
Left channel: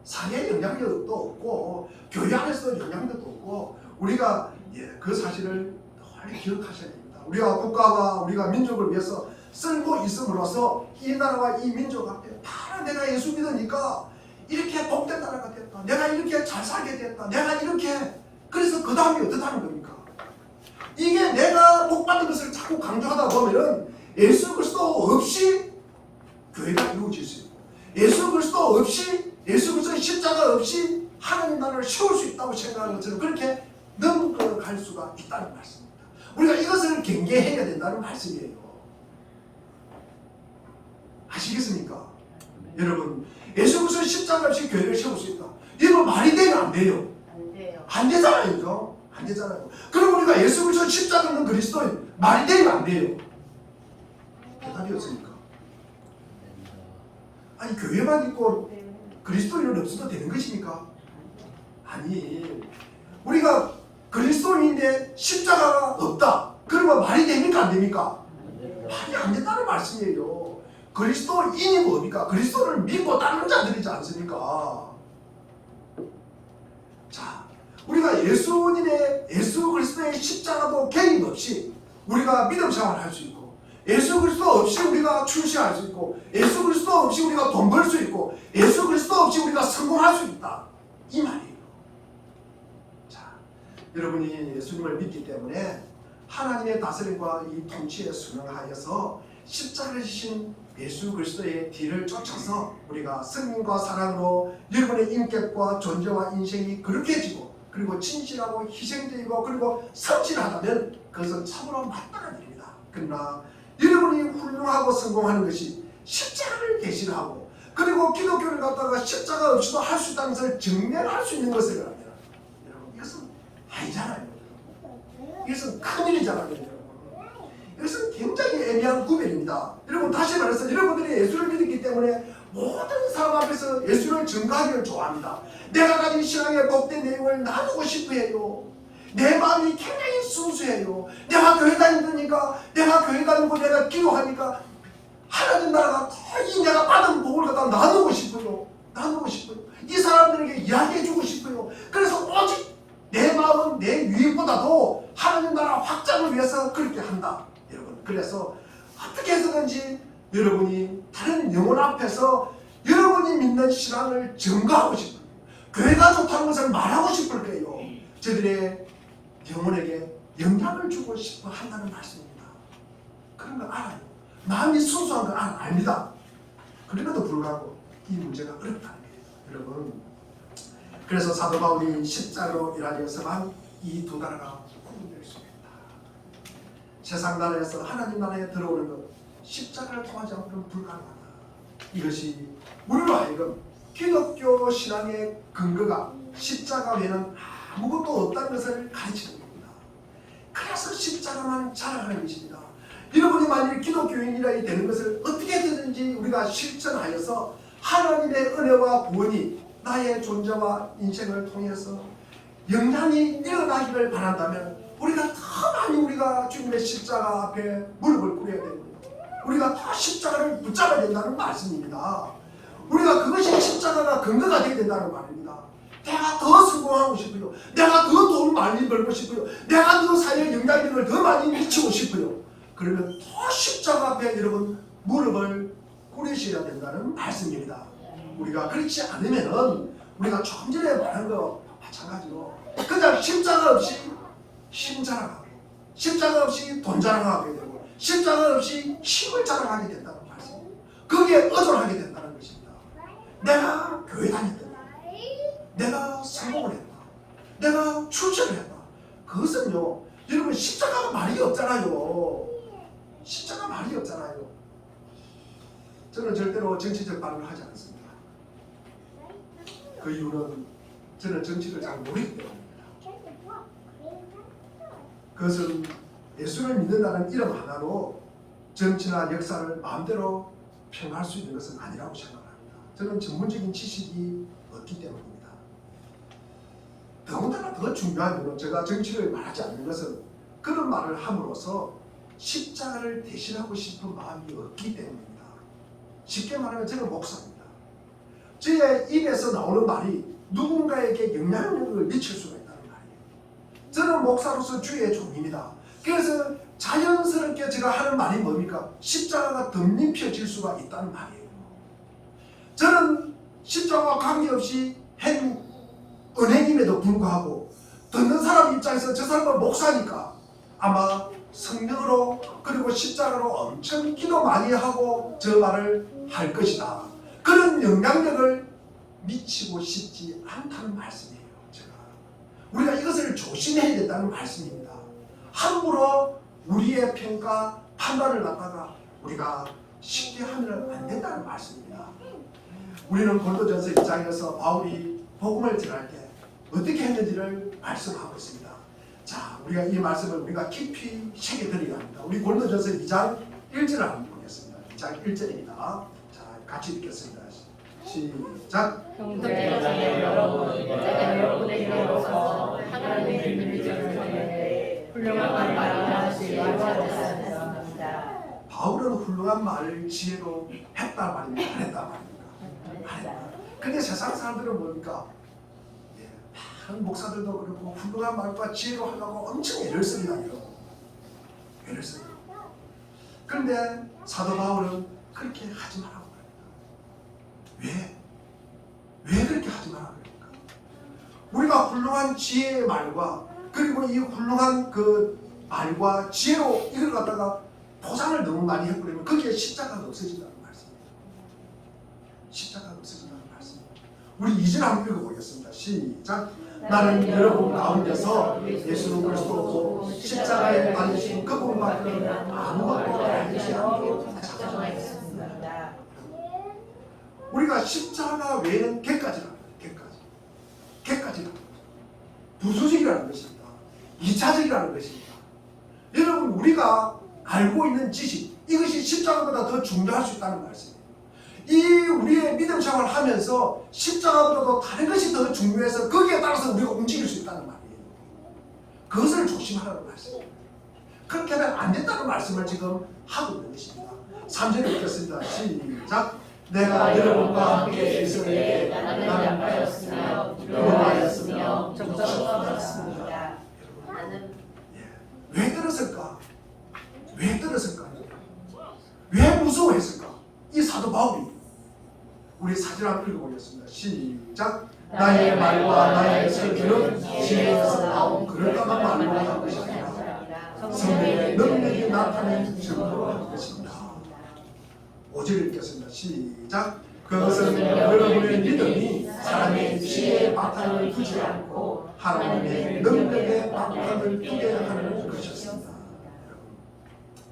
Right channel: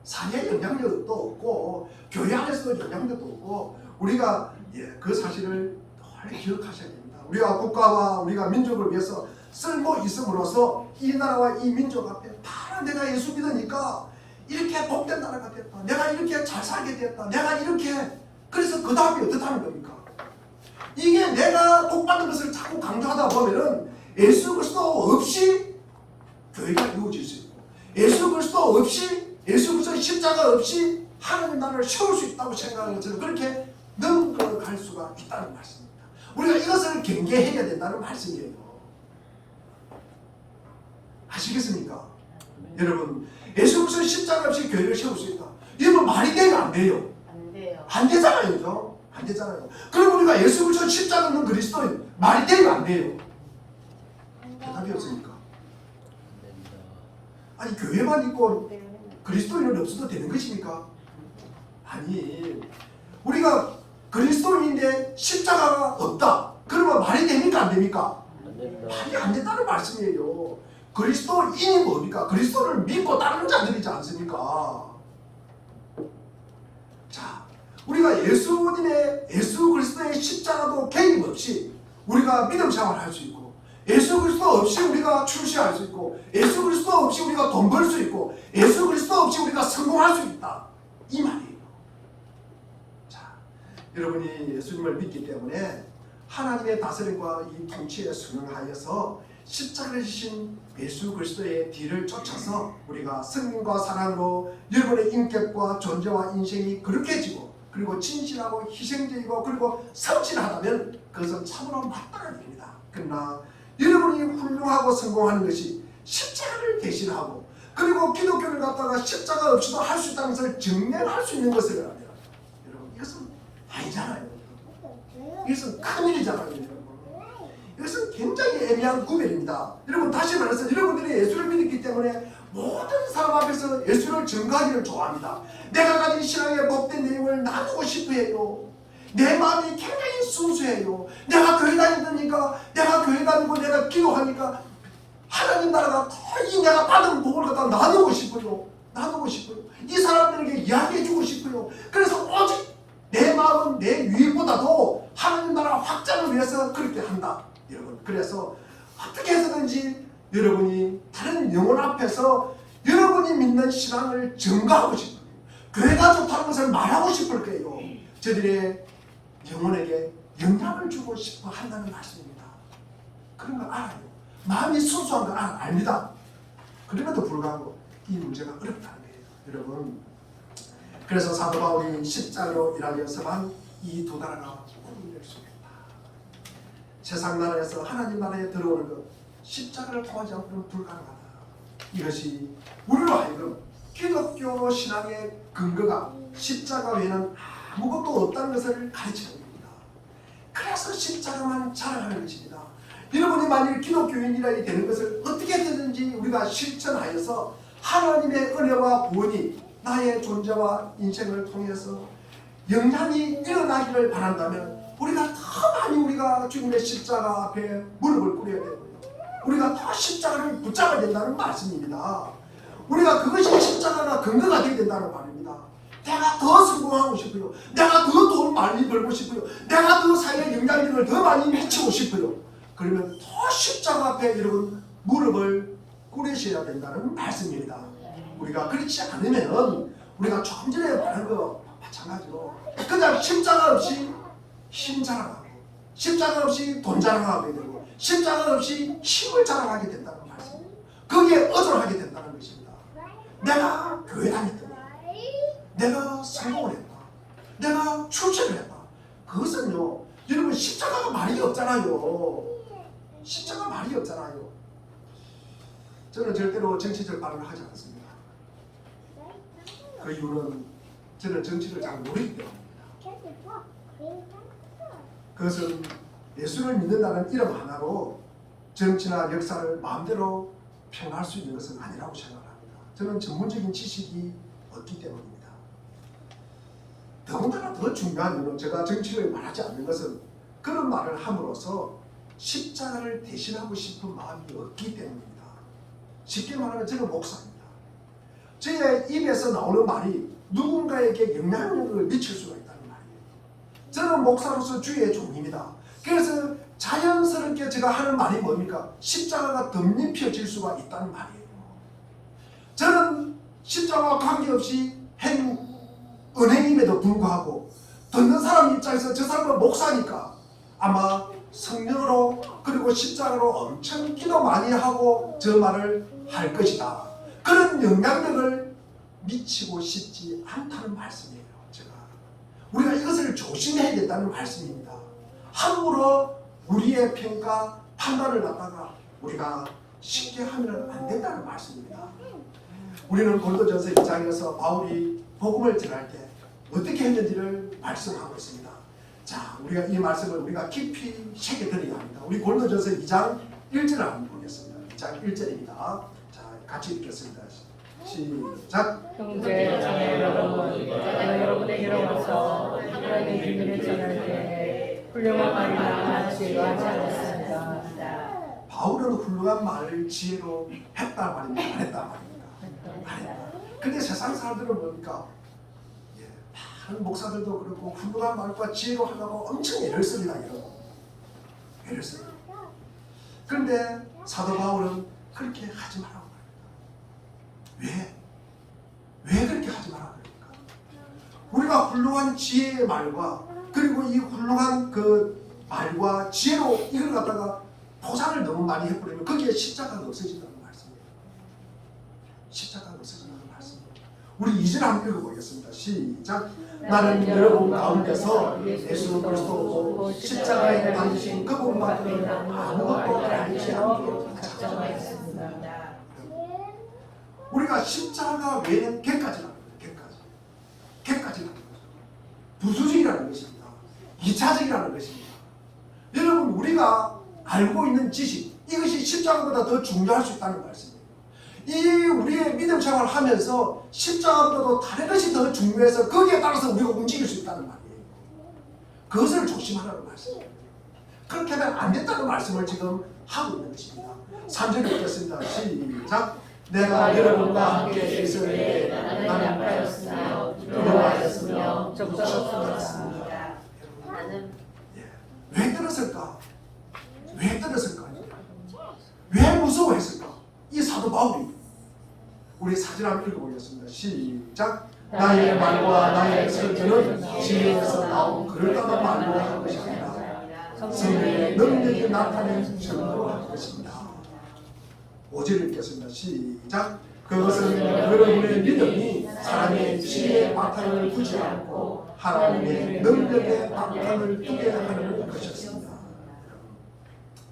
사회에 영향력도 없고 교회 안에서도 영향력도 없고 우리가 그 사실을 늘 기억하셔야 됩니다. 우리가 국가와 우리가 민족을 위해서 쓸모 있음으로써 이 나라와 이 민족 앞에 바로 내가 예수 믿으니까 이렇게 복된 나라가 됐다. 내가 이렇게 잘 살게 됐다. 내가 이렇게 그래서 그 다음에 어떻다는 겁니까? 이게 내가 복받는 것을 자꾸 강조하다 보면은 예수 그리스도 없이 교회가 이루어질 수 있고 예수 그리스도 없이 예수 그리스도의 십자가 없이 하나님 나라를 세울 수 있다고 생각하는 것처럼 그렇게 넘어갈 수가 있다는 말씀입니다. 우리가 이것을 경계해야 된다는 말씀이에요. 아시겠습니까? 여러분 예수 그리스도의 십자가 없이 교회를 세울 수 있다. 이건 말이 돼요? 안 돼요? 안 돼요. 안 되잖아요. 안 되잖아요. 그럼 우리가 예수 그리스도 십자가 없는 그리스도인 말이 돼요? 안 돼요? 대답이 없으니까. 아니 교회만 있고 그리스도인은 없어도 되는 것입니까? 아니 우리가 그리스도인인데 십자가가 없다. 그러면 말이 됩니까? 안 됩니까? 말이 안 된다는 말씀이에요. 그리스도인이 뭡니까? 그리스도를 믿고 따르는 자들이지 않습니까? 자, 우리가 예수 그리스도의 십자가도 개입 없이 우리가 믿음 생활을 할 수 있고 예수 그리스도 없이 우리가 출세할 수 있고 예수 그리스도 없이 우리가 돈 벌 수 있고 예수 그리스도 없이 우리가 성공할 수 있다. 이 말이에요. 자, 여러분이 예수님을 믿기 때문에 하나님의 다스림과 이 통치에 순응하여서 십자가를 지신 예수 그리스도의 뒤를 쫓아서 우리가 생명과 사랑으로 여러분의 인격과 존재와 인생이 거룩해지고 그리고 진실하고 희생적이고 그리고 성실하다면 그것은 참으로 마땅한 일입니다. 그러나 여러분이 훌륭하고 성공하는 것이 십자가를 대신하고 그리고 기독교를 갖다가 십자가 없이도 할 수 있다는 것을 증명할 수 있는 것을 합니다. 여러분 이것은 아니잖아요. 이것은 큰일이잖아요. 여러분. 이것은 굉장히 애매한 구별입니다. 여러분 다시 말해서 여러분들이 예수를 믿었기 때문에 모든 사람 앞에서 예수를 증거하기를 좋아합니다. 내가 가진 신앙의 복된 내용을 나누고 싶어 해요. 내 마음이 굉장히 순수해요. 내가 교회 다니니까 내가 교회 다니고 내가 기도하니까 하나님 나라가 더 이 내가 받은 복을 갖다 나누고 싶어요. 나누고 싶어요. 이 사람들에게 이야기해주고 싶어요. 그래서 오직 내 마음은 내 유익보다도 하나님 나라 확장을 위해서 그렇게 한다. 여러분 그래서 어떻게 해서든지 여러분이 다른 영혼 앞에서 여러분이 믿는 신앙을 증거하고 싶어요. 교회가 좋다는 것을 말하고 싶을 거예요. 저들의 영혼에게 영향을 주고 싶어 한다는 말씀입니다. 그런 걸 알아요. 마음이 순수한 걸 압니다. 그럼에도 불구하고 이 문제가 어렵다는 거예요. 여러분 그래서 사도 바울이 십자가로 일하여서만 이 두 나라가 구분될 수 있다. 세상 나라에서 하나님 나라에 들어오는 것 십자가를 통하지 않고는 불가능하다. 이것이 우리로 하여금 기독교 신앙의 근거가 십자가 외에는 아무것도 없다는 것을 가르치는 겁니다. 그래서 십자가만 자랑하는 것입니다. 여러분이 만일 기독교인이라 되는 것을 어떻게든지 우리가 실천하여서 하나님의 은혜와 구원이 나의 존재와 인생을 통해서 영향이 일어나기를 바란다면 우리가 더 많이 우리가 주님의 십자가 앞에 무릎을 꿇어야 되고요. 우리가 더 십자가를 붙잡아야 된다는 말씀입니다. 우리가 그것이 십자가가 근거가 되어야 된다는 말입니다. 내가 더 성공하고 싶어요. 내가 더 돈 많이 벌고 싶어요. 내가 더 사회에 영향력을 더 많이 미치고 싶어요. 그러면 더 십자가 앞에 여러분 무릎을 꿇으셔야 된다는 말씀입니다. 우리가 그렇지 않으면 우리가 조금 전에 말한 거 마찬가지로 그냥 십자가 없이 힘 자랑하고 십자가 없이 돈 자랑하게 되고 십자가 없이 힘을 자랑하게 된다는 말씀입니다. 거기에 의존하게 된다는 것입니다. 내가 교회 다녔다. 내가 성공을 했다. 내가 출세를 했다. 그것은요 여러분 십자가가 말이 없잖아요. 십자가 말이 없잖아요. 저는 절대로 정치적 발언을 하지 않습니다. 그 이유는 저는 정치를 잘 모르기 때문입니다. 그것은 예수를 믿는다는 이름 하나로 정치나 역사를 마음대로 평할 수 있는 것은 아니라고 생각합니다. 저는 전문적인 지식이 없기 때문입니다. 더군다나 더 중요한 것은 제가 정치를 말하지 않는 것은 그런 말을 함으로써 십자가를 대신하고 싶은 마음이 없기 때문입니다. 쉽게 말하면 저는 목사입니다. 저의 입에서 나오는 말이 누군가에게 영향력을 미칠 수가 있다는 말이에요. 저는 목사로서 주의 종입니다. 그래서 자연스럽게 제가 하는 말이 뭡니까? 십자가가 덧입혀질 수가 있다는 말이에요. 저는 십자가와 관계없이 행 은행임에도 불구하고 듣는 사람 입장에서 저 사람은 목사니까 아마 성령으로 그리고 십자가로 엄청 기도 많이 하고 저 말을 할 것이다. 그런 영향력을 미치고 싶지 않다는 말씀이에요. 제가 우리가 이것을 조심해야 된다는 말씀입니다. 함부로 우리의 평가 판단을 갖다가 우리가 쉽게 하면 안 된다는 말씀입니다. 우리는 고린도전서 2장에서 바울이 복음을 전할 때 어떻게 했는지를 말씀하고 있습니다. 자, 우리가 이 말씀을 우리가 깊이 새겨드려야 합니다. 우리 고린도전서 2장 1절을 한번 보겠습니다. 2장 1절입니다. 자, 같이 읽겠습니다. 시작. 형제자매 여러분, 내가 여러분에게로서 하나님의 비밀을 전하되 훌륭한 말을 지혜로 하였습니다. 바울은 훌륭한 말을 지혜로 했단 말입니다. 안 했단 말입니다. 안 했다. 근데 세상 사람들은 뭡니까? 다른 목사들도 그렇고 훌륭한 말과 지혜로 하려고 엄청 애를 씁니다. 여러분. 애를 씁니다. 그런데 사도 바울은 그렇게 하지 말라고 합니다. 왜 그렇게 하지 말라고 합니까? 우리가 훌륭한 지혜의 말과 그리고 이 훌륭한 그 말과 지혜로 이걸 갖다가 포장을 너무 많이 해버리면 거기에 십자가가 없어진다는 말씀이에요. 십자가가 없어진다는 말씀이에요. 우리 2절 한번 읽어보겠습니다. 시작. 나는 여러분 가운데서 예수 그리스도 십자가에 달리신 그분밖에 아무것도 알지 않고 작정하였습니다. 우리가 십자가 외에는 개까지라는 거예요. 개까지라는 거죠. 부수적이라는 것입니다. 2차적이라는 것입니다. 여러분 우리가 알고 있는 지식 이것이 십자가보다 더 중요할 수 있다는 말씀이에요. 이 우리의 믿음 생활을 하면서 십자가보다도 다른 것이 더 중요해서 거기에 따라서 우리가 움직일 수 있다는 말이에요. 그것을 조심하라는 말씀이에요. 그렇게 하면 안 된다는 말씀을 지금 하고 있는 것입니다. 3절 읽겠습니다. 시작. 내가 여러분과 함께 있을 때 나는 양파였으며 두려워하였으며 무섭습니다. 왜 들었을까? 왜 들었을까? 왜 무서워했을까? 이 사도 바울이 우리 사진 한번 읽어보겠습니다. 시작. 나의 말과 나의 설교는 지혜에서 나온 그럴듯한 말로 한 것이 아니라 성령의 능력이 나타낸 증거로 한 것입니다. 5절 읽겠습니다. 시작. 그것은 여러분의 믿음이 사람의 지혜의 바탕을 두지 않고 하나님의 능력의 바탕을 두게 하는 것이었습니다.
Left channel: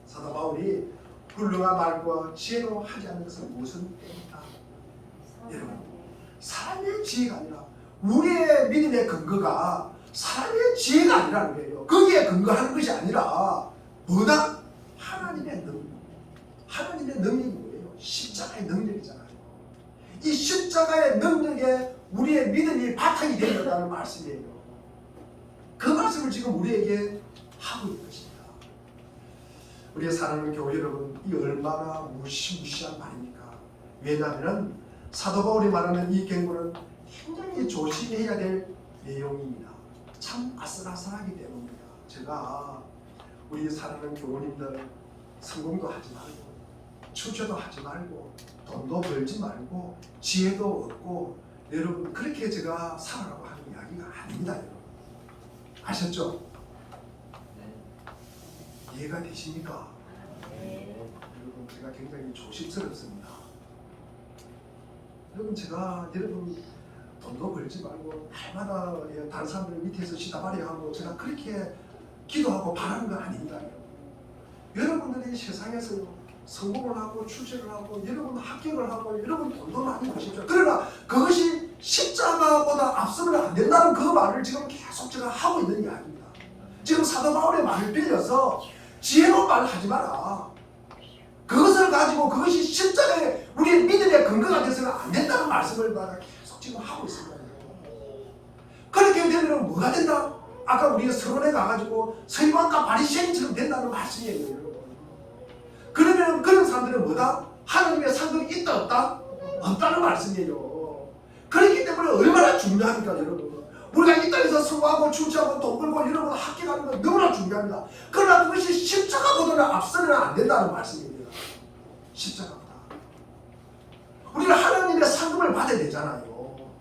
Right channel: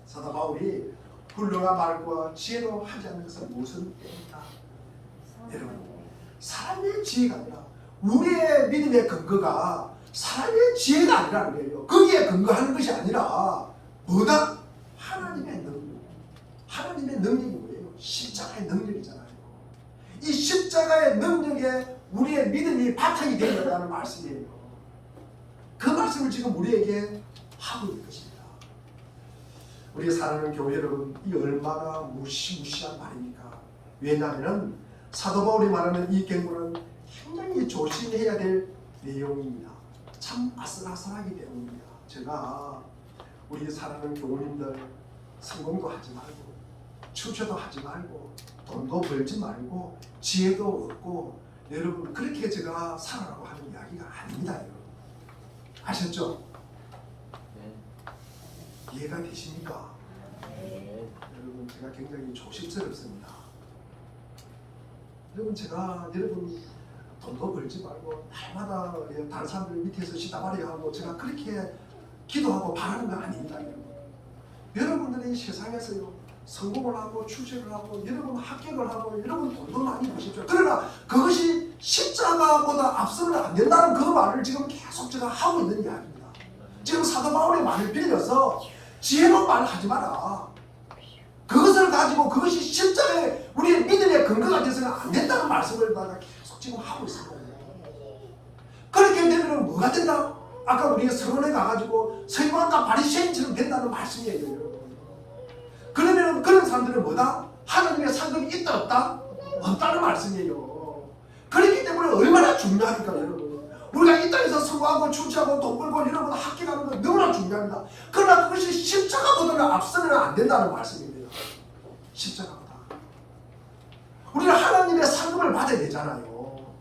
사도 바울이 훌륭한 말과 지혜로 하지 않는 것은 무슨 때입니까? 여러분, 사람의 지혜가 아니라 우리의 믿음의 근거가 사람의 지혜가 아니라는 거예요. 거기에 근거하는 것이 아니라 뭐다? 하나님의 능력. 하나님의 능력이 뭐예요? 십자가의 능력이잖아요. 이 십자가의 능력에 우리의 믿음이 바탕이 되어 있다는 말씀이에요. 그 말씀을 지금 우리에게 하고 있는 것입니다. 우리 사랑하는 교회 여러분, 이 얼마나 무시무시한 말입니까? 왜냐하면 사도 바울이 말하는 이 경고는 굉장히 조심해야 될 내용입니다. 참 아슬아슬하기 때문입니다. 제가 우리 사랑하는 교우님들 성공도 하지 말고 출처도 하지 말고 돈도 벌지 말고 지혜도 얻고 여러분 그렇게 제가 살아라고 하는 이야기가 아닙니다. 여러분. 아셨죠? 이해가 되십니까? 여러분 제가 굉장히 조심스럽습니다. 여러분 제가 여러분 돈도 벌지 말고 날마다 다른 사람들 밑에서 시다발이야 하고 제가 그렇게 기도하고 바라는 건 아닙니다. 여러분들이 세상에서 성공을 하고 출세를 하고 여러분 합격을 하고 여러분 돈도 많이 버십시오. 그러나 그것이 십자가보다 앞서면 안 된다는 그 말을 지금 계속 제가 하고 있는 이야기입니다. 지금 사도 바울의 말을 빌려서 지혜로운 말을 하지 마라. 그것을 가지고 그것이 십자가의 우리의 믿음의 근거가 돼서는 안 된다는 말씀을 내가 계속 지금 하고 있습니다. 그렇게 되면 뭐가 된다? 아까 우리가 서론에 가가지고 서기관과 바리새인처럼 된다는 말씀이에요. 여러분. 그러면 그런 사람들은 뭐다? 하나님의 상급이 있다 없다? 없다는 말씀이에요. 그렇기 때문에 얼마나 중요합니까 여러분. 우리가 이 땅에서 성공하고 출세하고 돈 벌고 이런 거 합격하는 건 너무나 중요합니다. 그러나 그것이 십자가보다는 앞서면 안 된다는 말씀입니다. 십자가보다. 우리는 하나님의 상급을 받아야 되잖아요.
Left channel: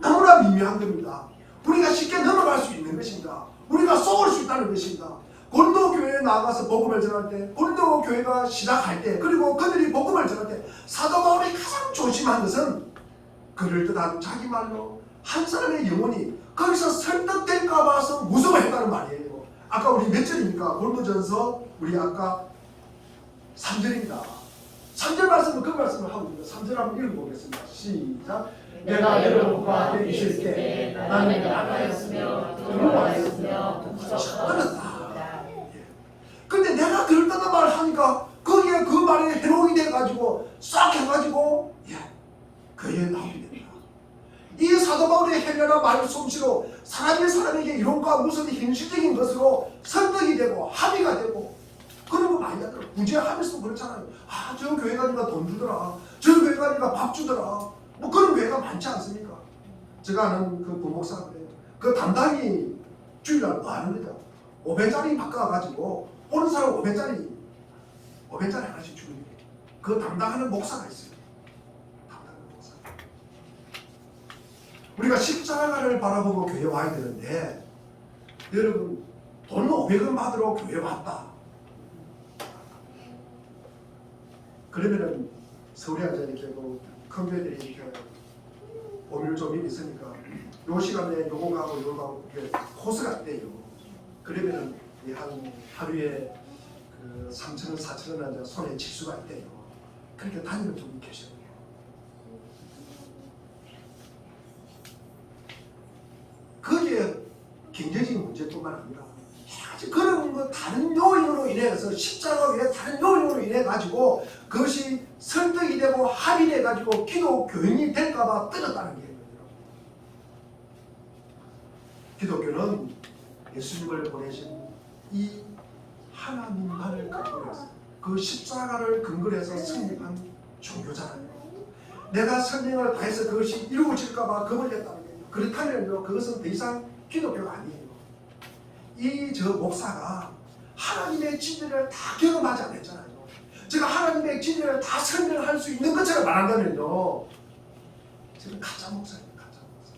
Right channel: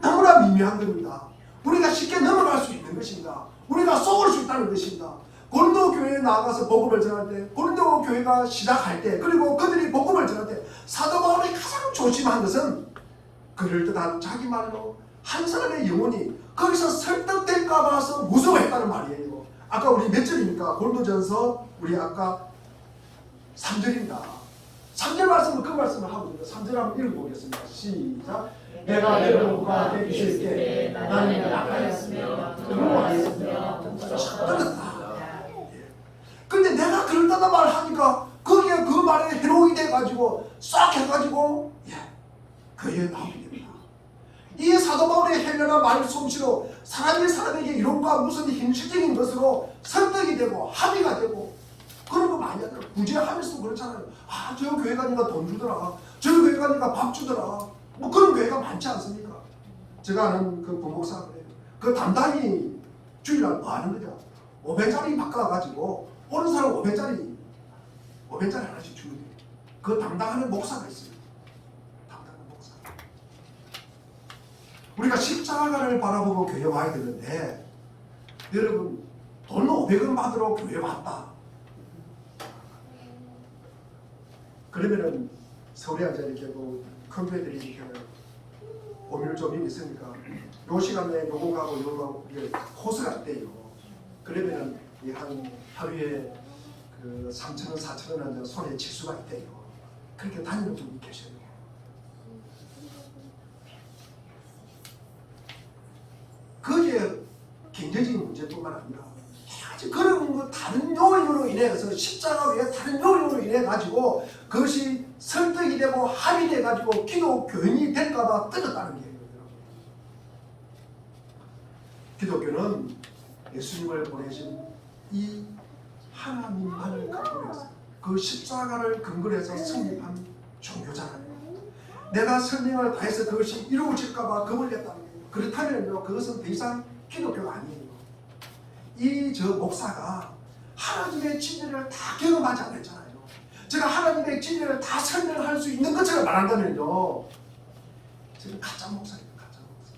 너무나 미묘한 겁니다. 우리가 쉽게 넘어갈 수 있는 것입니다. 우리가 쏘을 수 있다는 것입니다. 고린도 교회에 나가서 복음을 전할 때, 고린도 교회가 시작할 때, 그리고 그들이 복음을 전할 때 사도 바울이 가장 조심한 것은 그럴듯한 자기 말로 한 사람의 영혼이 거기서 설득될까 봐서 무서워했다는 말이에요. 아까 우리 몇 절입니까? 고린도전서 우리 아까 3절입니다. 3절 말씀은 그 말씀을 하고 있습니다. 3절 한번 읽어보겠습니다. 시작. 내가 여러분과 함께 있을 때 나는 약하였으며 두려워하였으며 그렇다. 근데 내가 그런다는 말을 하니까 거기에 그 말에 해롱이 돼가지고 싹 해가지고 그에 나오게 됩니다. 이 사도 바울의 해명한 말솜씨로 사람이 사람에게 이론과 무슨 현실적인 것으로 설득이 되고 합의가 되고 그런 거 많이 하더라고요. 구제하면서도 그렇잖아요. 아, 저 교회 가니까 돈 주더라. 저 교회 가니까 밥 주더라. 뭐 그런 교회가 많지 않습니까? 제가 아는 그 부목사 그래요. 그 담당이 주일날 뭐 하는 거죠? 500짜리 바꿔가지고 오는 사람 500짜리 하나씩 주는 거예요. 그 담당하는 목사가 있어요. 담당하는 목사. 우리가 십자가를 바라보고 교회 와야 되는데 여러분 돈 500원 받으러 교회 왔다. 그러면은 서울에 앉아 이렇게 큰 교회들이 이렇게 오밀 조밀 있으니까 요 시간에 요거 가고 요거 가고 이게 코스가 있대요. 그러면은 한 하루에 그 3,000원, 4,000원 손에 칠 수가 있대요. 그렇게 다니는 분이 계셔요. 그게 경제적인 문제뿐만 아니라 그런 거 다른 요인으로 인해서 십자가 외에 다른 요인으로 인해 가지고 그것이 설득이 되고 합의돼 가지고 기독 교인이 될까봐 떨었다는 게 있거든요. 기독교는 예수님을 보내신 이 하나님만을 근거로 해서 그 십자가를 근거로 해서 성립한 종교잖아요. 내가 설명을 다해서 그것이 이루어질까봐 겁을 냈다는 거예요. 그렇다면요, 그것은 더 이상 기독교가 아니에요. 이 저 목사가 하나님의 진리를 다 경험하지 않았잖아요. 제가 하나님의 진리를 다 설명할 수 있는 것처럼 말한다면요, 저는 가짜 목사입니다. 가짜 목사.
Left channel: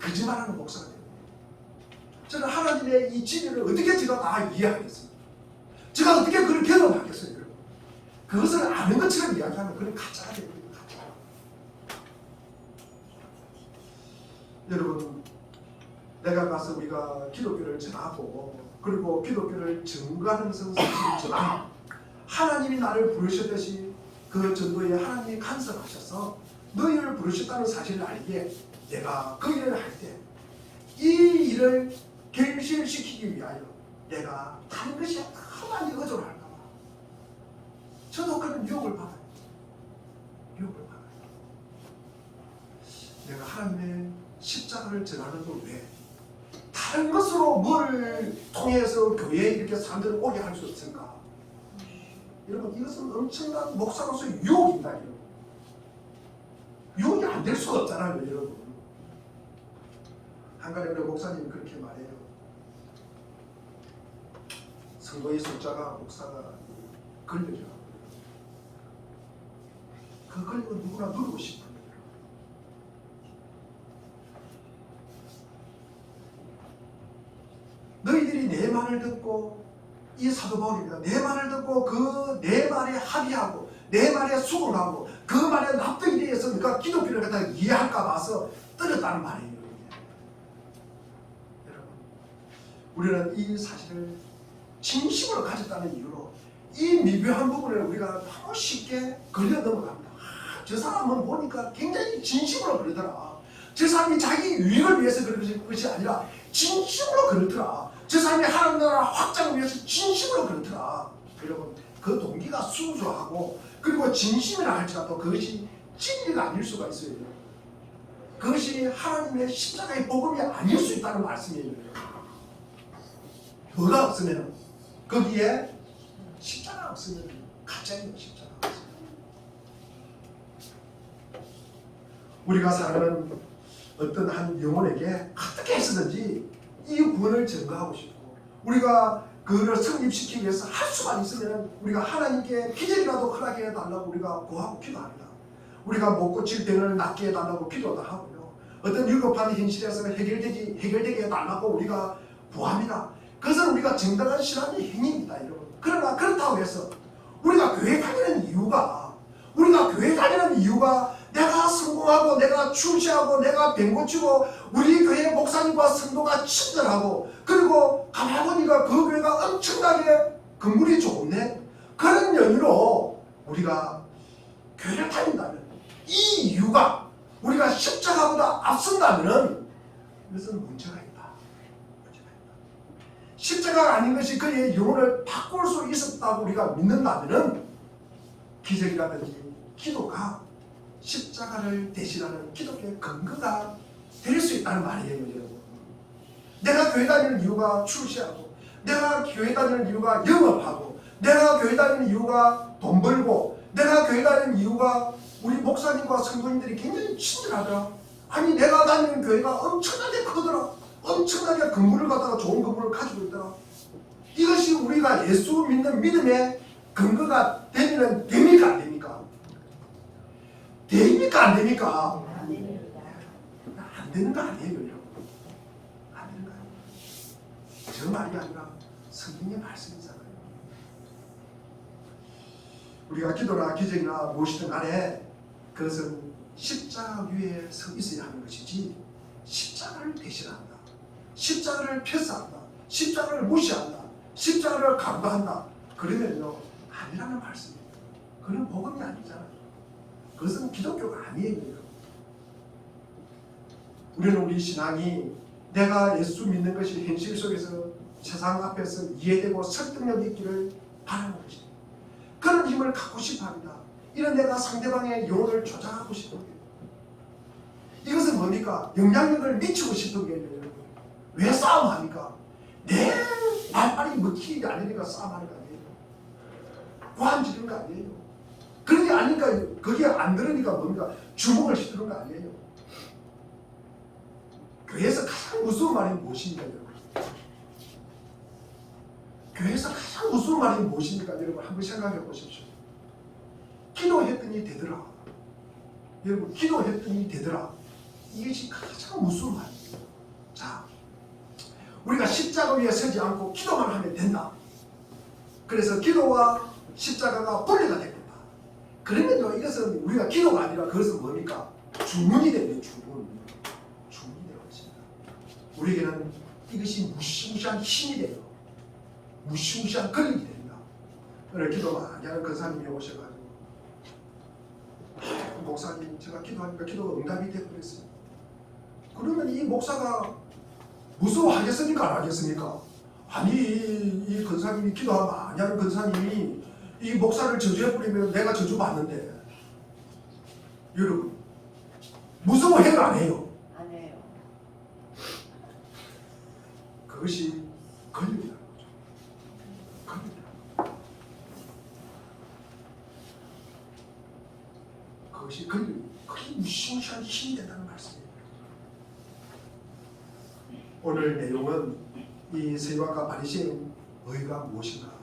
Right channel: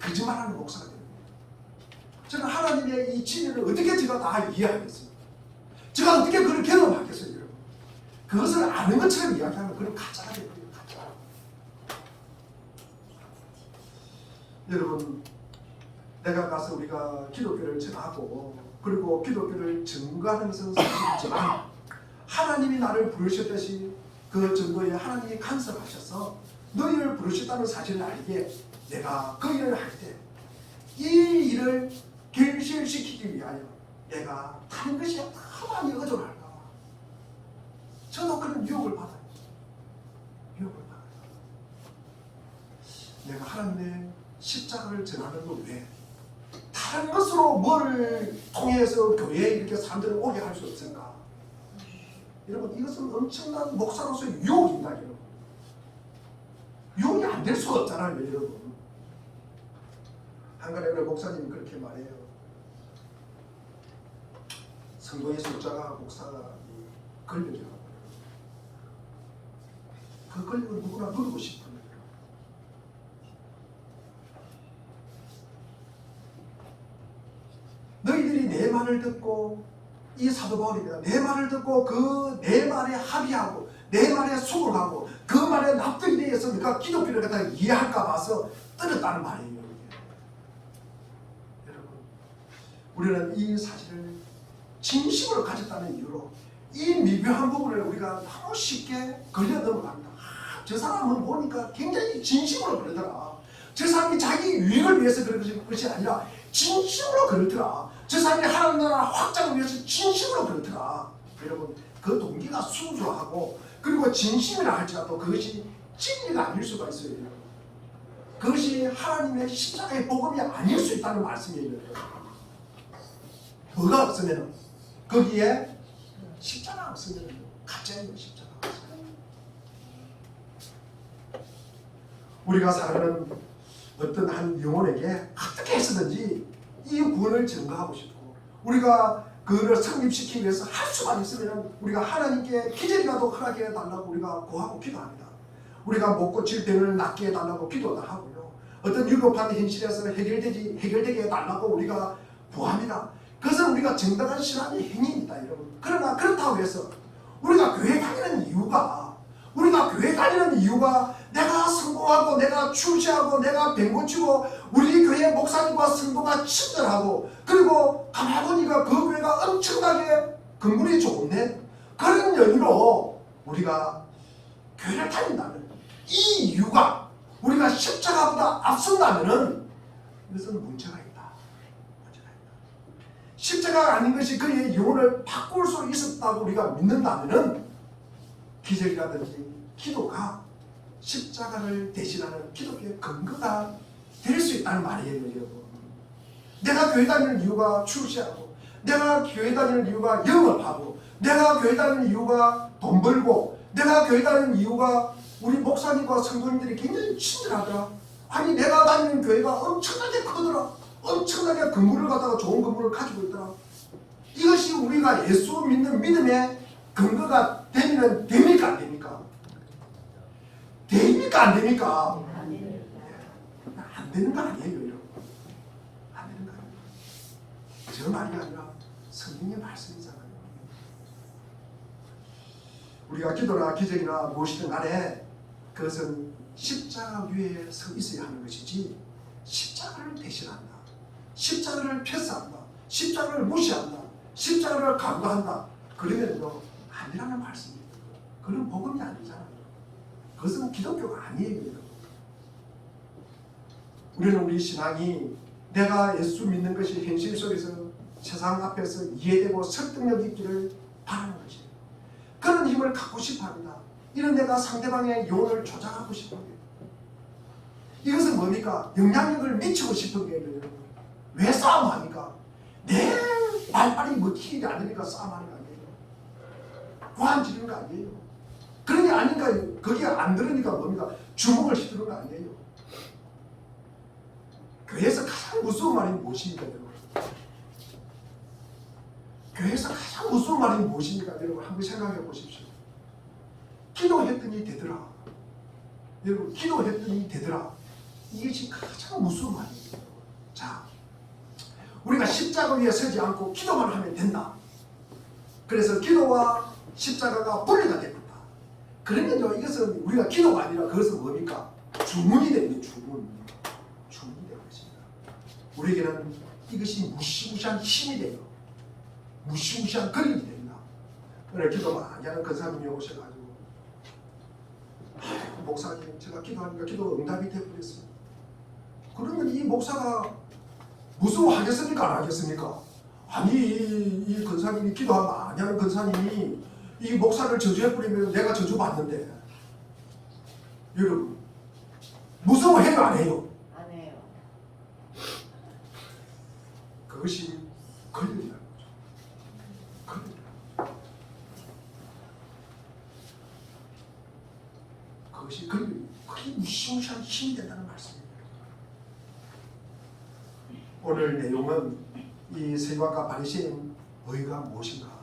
거짓말하는 목사가 됩니다. 저는 하나님의 이 진리를 어떻게 제가 다 이해하겠어요? 제가 어떻게 그걸 경험하겠어요, 여러분? 그것을 아는 것처럼 이야기하면 그건 가짜가 됩니다. 가짜. 여러분, 내가 가서 우리가 기독교를 전하고 그리고 기독교를 증거하는 사실을 전하면 하나님이 나를 부르셨듯이 그 전도에 하나님이 간섭하셔서 너희를 부르셨다는 사실을 알기에 내가 그 일을 할 때 이 일을 결실시키기 위하여 내가 다른 것이 더 많이 의존할까 봐 저도 그런 유혹을 받아요. 유혹을 받아요. 내가 하나님의 십자가를 전하는 것 외에 다른 것으로 뭐를 통해서 교회에 이렇게 사람들을 오게 할 수 없을까? 여러분, 이것은 엄청난 목사로서의 유혹입니다. 여러분. 유혹이 안 될 수가 없잖아요. 여러분. 한간에 목사님이 그렇게 말해요. 성도의 숫자가 목사가 걸려요. 그 걸리고 누구나 누르고 싶어요. 너희들이 내 말을 듣고, 이 사도 바울입니다. 내 말을 듣고 그 내 말에 합의하고 내 말에 수긍하고 그 말에 납득이 되어서 네가 기독교를 갖다 이해할까 봐서 떨었다는 말이에요. 여러분, 우리는 이 사실을 진심으로 가졌다는 이유로 이 미묘한 부분을 우리가 너무 쉽게 걸려 넘어갑니다. 저 사람은 보니까 굉장히 진심으로 그러더라. 저 사람이 자기 유익을 위해서 그런 것이 아니라 진심으로 그렇더라. 저 사람이 하나님 나라 확장을 위해서 진심으로 그렇더라. 여러분, 그 동기가 순수하고 그리고 진심이라 할지라도 그것이 진리가 아닐 수가 있어요. 그것이 하나님의 십자가의 복음이 아닐 수 있다는 말씀이에요. 뭐가 없으면 거기에 화제예요. 십자가. 우리가 사는 어떤 한 영혼에게 어떻게 해서든지 이 구원을 증거하고 싶고 우리가 그를 성립시키기 위해서 할 수만 있으면 우리가 하나님께 기적이라도 허락해 달라고 우리가 구하고 기도합니다. 우리가 못 고칠 병을 낫게 해달라고 기도도 하고요. 어떤 위급한 현실에서 해결되게 해달라고 우리가 구합니다. 그것은 우리가 정당한 신앙의 행위입니다, 여러분. 그러나 그렇다고 해서 우리가 교회 다니는 이유가 내가 성공하고 내가 출세하고 내가 병 고치고 우리 교회 목사님과 성도가 친절하고 그리고 가만 보니까 그 교회가 엄청나게 건물이 좋네, 그런 연유로 우리가 교회를 다닌다면 이 이유가 우리가 십자가보다 앞선다면 이것은 문제가 있다. 십자가가 아닌 것이 그의 영혼을 바꿀 수 있었다고 우리가 믿는다면 기적이라든지 기도가 십자가를 대신하는 기독교의 근거가 될 수 있다는 말이에요, 여러분. 내가 교회 다니는 이유가 출세하고 내가 교회 다니는 이유가 영업하고 내가 교회 다니는 이유가 돈 벌고 내가 교회 다니는 이유가 우리 목사님과 성도님들이 굉장히 친절하더라. 아니 내가 다니는 교회가 엄청나게 크더라. 엄청나게 건물을 갖다가 좋은 건물을 가지고 있더라. 이것이 우리가 예수 믿는 믿음의 근거가 되면 됩니까 안 됩니까? 됩니까 안 됩니까? 안 되는 거 아니에요, 여러분. 안 되는 거 아니에요. 저 말이 아니라 성경의 말씀이잖아요. 우리가 기도나 기적이나 무엇이든 간에 그것은 십자가 위에 서 있어야 하는 것이지 십자가를 대신한다, 십자가를 패스한다, 십자가를 무시한다, 십자가를 간과한다, 그러면요 아니라는 말씀입니다. 그건 복음이 아니잖아요. 그것은 기독교가 아니에요. 우리는 우리 신앙이 내가 예수 믿는 것이 현실 속에서 세상 앞에서 이해되고 설득력 있기를 바라는 것이에요. 그런 힘을 갖고 싶어 합니다. 이런 내가 상대방의 영혼을 조작하고 싶은 거예요. 이것은 뭡니까? 영향력을 미치고 싶은 거예요, 여러분. 왜 싸움합니까? 내 말빨이 먹히는 게 아니니까 싸움하는 거 아니에요. 고함 지르는 거 아니에요. 그런 게 아닌가, 그게 안 들으니까 뭡니까? 주먹을 휘두르는 거 아니에요. 교회에서 가장 무서운 말이 무엇입니까, 여러분? 교회에서 가장 무서운 말이 무엇입니까, 여러분? 한번 생각해 보십시오. 기도했더니 되더라. 여러분, 기도했더니 되더라. 이것이 가장 무서운 말이에요. 자, 우리가 십자가 위에 서지 않고 기도만 하면 된다. 그래서 기도와 십자가가 분리가 됩니다. 그러면요, 이것은 우리가 기도가 아니라 그것은 뭡니까? 주문이 됩니다. 주문이 되는 것입니다. 우리에게는 이것이 무시무시한 힘이 돼요. 무시무시한 권력이 됩니다. 오늘 기도 많이 하는 권사님이 오셔가지고 목사님 제가 기도하니까 기도가 응답이 돼버렸어요. 그러면 이 목사가 무서워하겠습니까? 안 하겠습니까? 아니 이 권사님이 기도 많이 하는 권사님이 이 목사를 저주해버리면 내가 저주받는데 여러분 무서워해요 안 해요? 안 해요. 그것이 권력이라는 거죠. 권력이라는 거죠. 그것이 권력이 그게 무시무시한 힘이 된다는 말씀입니다. 오늘 내용은 이 세리와가 바리새인 의가 무엇인가?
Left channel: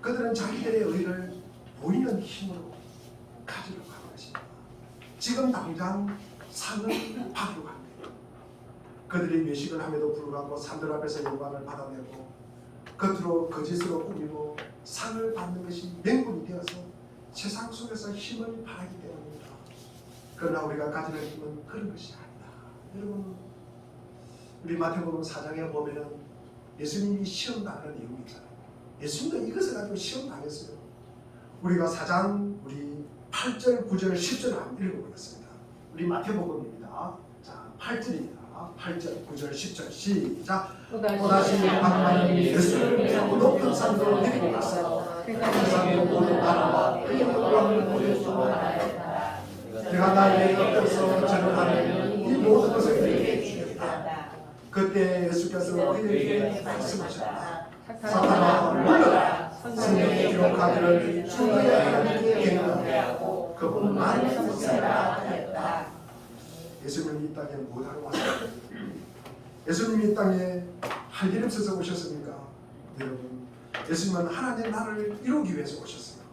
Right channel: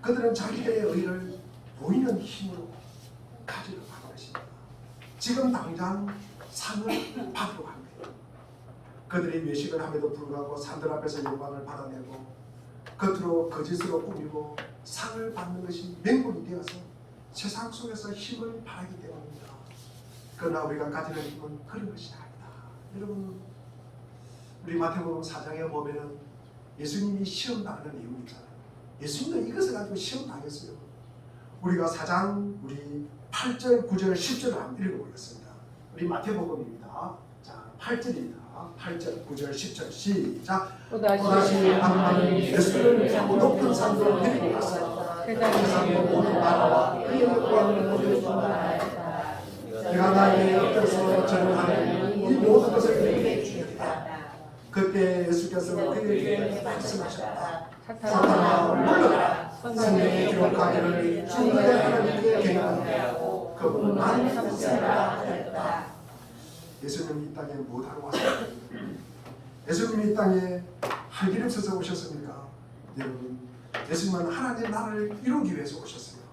그들은 자기들의 의를 보이는 힘으로 가지려고 하는 것입니다. 지금 당장 상을 받으려고 하는 거예요. 그들이 외식을 함에도 불구하고 사람들 앞에서 영광을 받아내고 겉으로 거짓으로 꾸미고 상을 받는 것이 맹군이 되어서 세상 속에서 힘을 발하기 때문입니다. 그러나 우리가 가지는 힘은 그런 것이 아니다. 여러분, 우리 마태복음 4장에 보면은 예수님이 시험 당하는 내용이 있잖아요. 예수님도 이것을 가지고 시험 당했어요. 우리가 4장 우리 8절, 9절, 10절을 한번 읽어보겠습니다. 우리 마태복음입니다. 자, 8절입니다. 8절, 9절, 10절 시작. 또다시 하나님 예수를 믿고 높은 산으로 데리고 가서 세상의 모든 나라와 그의 영광을 보여주었다. 내가 나에게 엎드려서 전하는 이 모든 것을 그에게 주겠다. 그때 예수께서 그에게 말씀하셨다. 사탄아 물러가라. 성경에 기록하기를 주의 하나님께 경배하고 그분만 쓰라 했다. 예수님이 이 땅에 뭐하러 왔습니까? 예수님이 이 땅에 할 일 없어서 오셨습니까? 여러분, 예수님은 하나님의 나라를 이루기 위해서 오셨어요.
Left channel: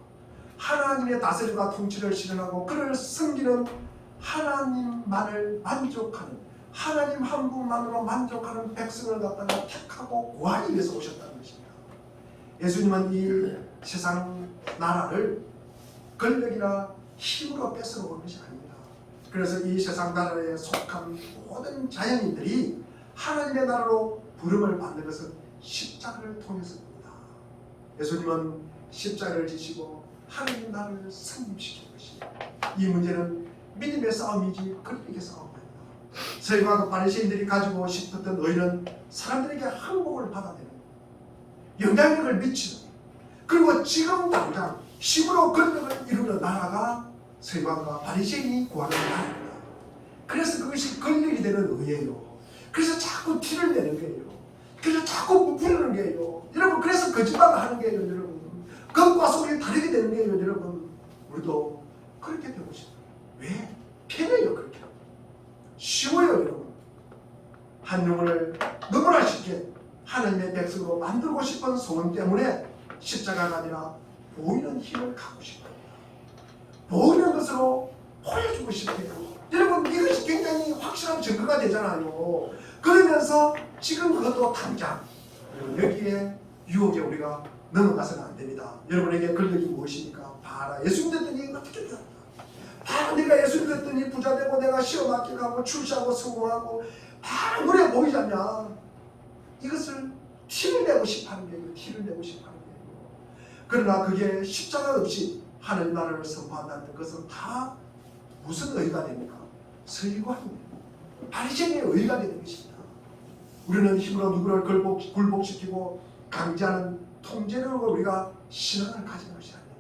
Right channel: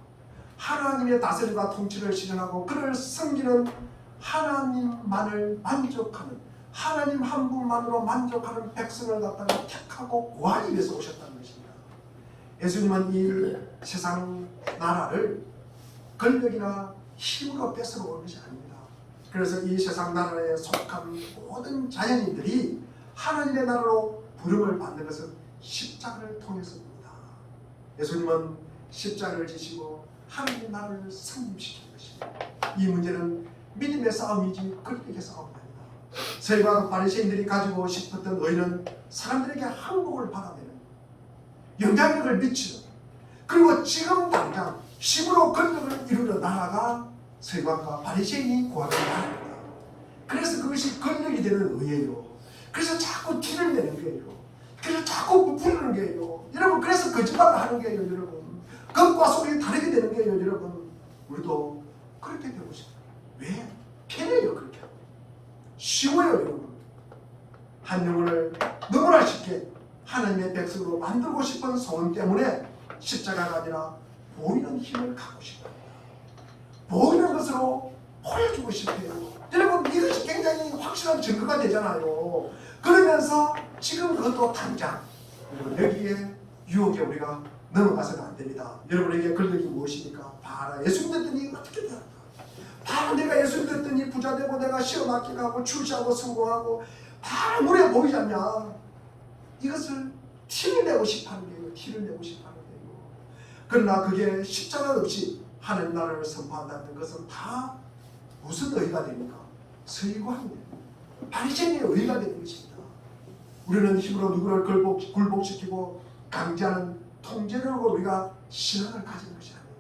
하나님의 다스림과 통치를 실현하고 그를 섬기는 하나님만을 만족하는, 하나님 한 분만으로 만족하는 백성을 갖다가 택하고 구하기 위해서 오셨다는 것입니다. 예수님은 이 세상 나라를 권력이나 힘으로 뺏으러 온 것이 아닙니다. 그래서 이 세상 나라에 속한 모든 자연인들이 하나님의 나라로 부름을 받는 것은 십자가를 통해서입니다. 예수님은 십자가를 지시고 하나님의 나라를 승립시킨 것입니다. 이 문제는 믿음의 싸움이지 권력의 싸움이 아니다. 서기관 바리새인들이 가지고 싶었던 의는 사람들에게 항복을 받아내는, 영향력을 미치는, 그리고 지금 당장 힘으로 권력을 이루는 나라가 서기관과 바리새인이 구하는 나라입니다. 그래서 그것이 권력이 되는 의예요. 그래서 자꾸 티를 내는 거예요. 그래서 자꾸 부풀리는 거예요. 여러분, 그래서 거짓말을 하는 거예요. 여러분, 겉과 속이 다르게 되는 거예요. 여러분, 우리도 그렇게 되고 싶어요. 왜? 편해요. 그렇게 하면 쉬워요. 여러분, 한 영혼을 너무나 쉽게 하나님의 백성으로 만들고 싶은 소원 때문에 십자가가 아니라 보이는 힘을 갖고 싶어요. 보이는 것으로 보여주고 싶어요. 여러분, 이것이 굉장히 확실한 증거가 되잖아요. 그러면서 지금 그것도 당장 여기에 유혹에 우리가 넘어가서는 안 됩니다. 여러분에게 권력이 무엇입니까? 봐라, 예수 믿었더니 어떻게 되었다. 봐라, 내가 예수 믿었더니 부자 되고 내가 시험 합격하고 출시하고 성공하고 다 눈에 보이지 않냐. 이것을 티를 내고 싶어하는 거예요. 티를 내고 싶어하는 거예요. 그러나 그게 십자가 없이 하나님 나라를 선포한다는 것은 다 무슨 의의가 됩니까? 서기관이에요. 바리새인의 의의가 되는 것입니다. 우리는 힘으로 누구를 굴복시키고 강제하는 통제력으로 우리가 신앙을 가지는 것이 아니에요.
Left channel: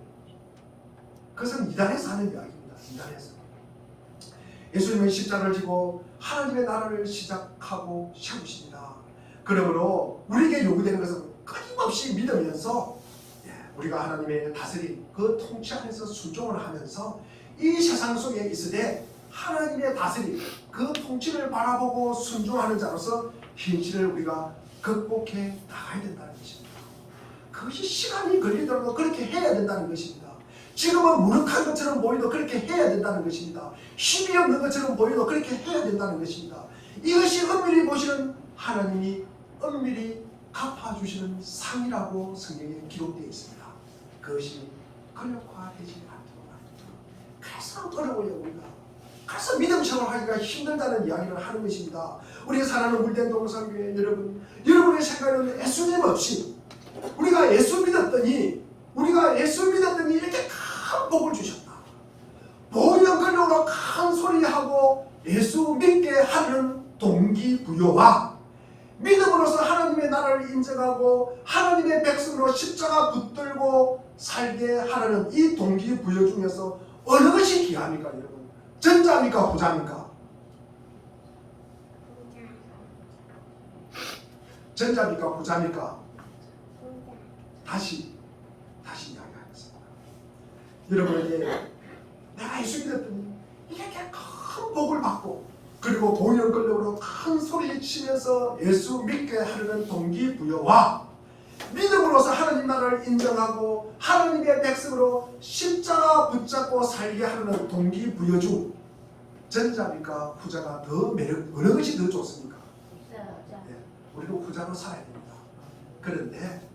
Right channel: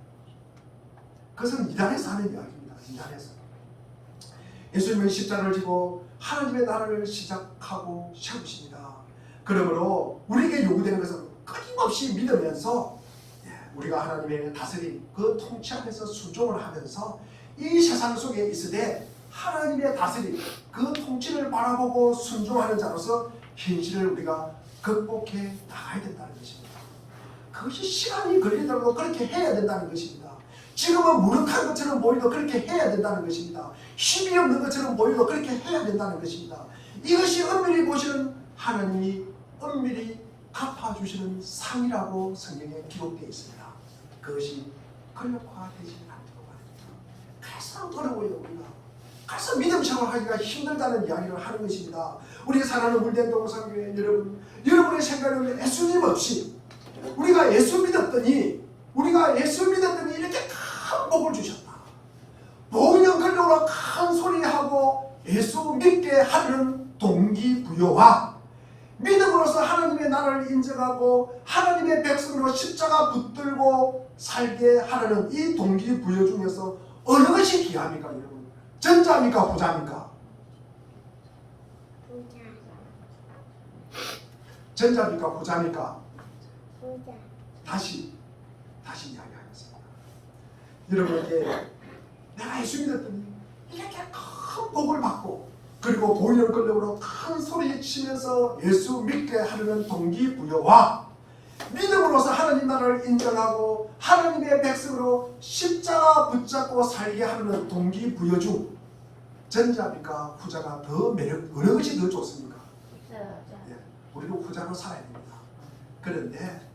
그것은 이단에서 하는 이야기입니다. 이단에서. 예수님은 십자가를 지고 하나님의 나라를 시작하고 세우십니다. 그러므로 우리에게 요구되는 것은 끊임없이 믿으면서 우리가 하나님의 다스림, 그 통치 안에서 순종을 하면서 이 세상 속에 있으되 하나님의 다스림, 그 통치를 바라보고 순종하는 자로서 현실을 우리가 극복해 나가야 된다는 것입니다. 그것이 시간이 걸리더라도 그렇게 해야 된다는 것입니다. 지금은 무력한 것처럼 보여도 그렇게 해야 된다는 것입니다. 힘이 없는 것처럼 보여도 그렇게 해야 된다는 것입니다. 이것이 엄밀히 보시는 하나님이 엄밀히 갚아주시는 상이라고 성경에 기록되어 있습니다. 그것이 권력화되지 않도록 합니다. 그래서 어려워요. 우리가 그래서 믿음 생활하기가 힘들다는 이야기를 하는 것입니다. 우리가 사랑하는 물den동산교회 여러분, 여러분의 생각은 예수님 없이 우리가 예수 믿었더니 이렇게 큰 복을 주셨다. 보이는 권력으로 큰 소리하고 예수 믿게 하는 동기부여와 믿음으로써 하나님의 나라를 인정하고 하나님의 백성으로 십자가 붙들고 살게 하라는 이 동기부여 중에서 어느 것이 귀합니까 여러분? 전자입니까 후자입니까? 전자입니까 후자입니까? 다시 이야기하겠습니다. 여러분에게 내가 예수 믿었더니 이렇게 큰 복을 받고 그리고 보이는 권력으로 큰 소리 치면서 예수 믿게 하려는 동기부여와 믿음으로서 하나님 나라를 인정하고 하나님의 백성으로 십자가 붙잡고 살게 하려는 동기부여 중 전자입니까 후자가 더 매력, 어느 것이 더 좋습니까? 우리도 후자로 살아야 됩니다. 그런데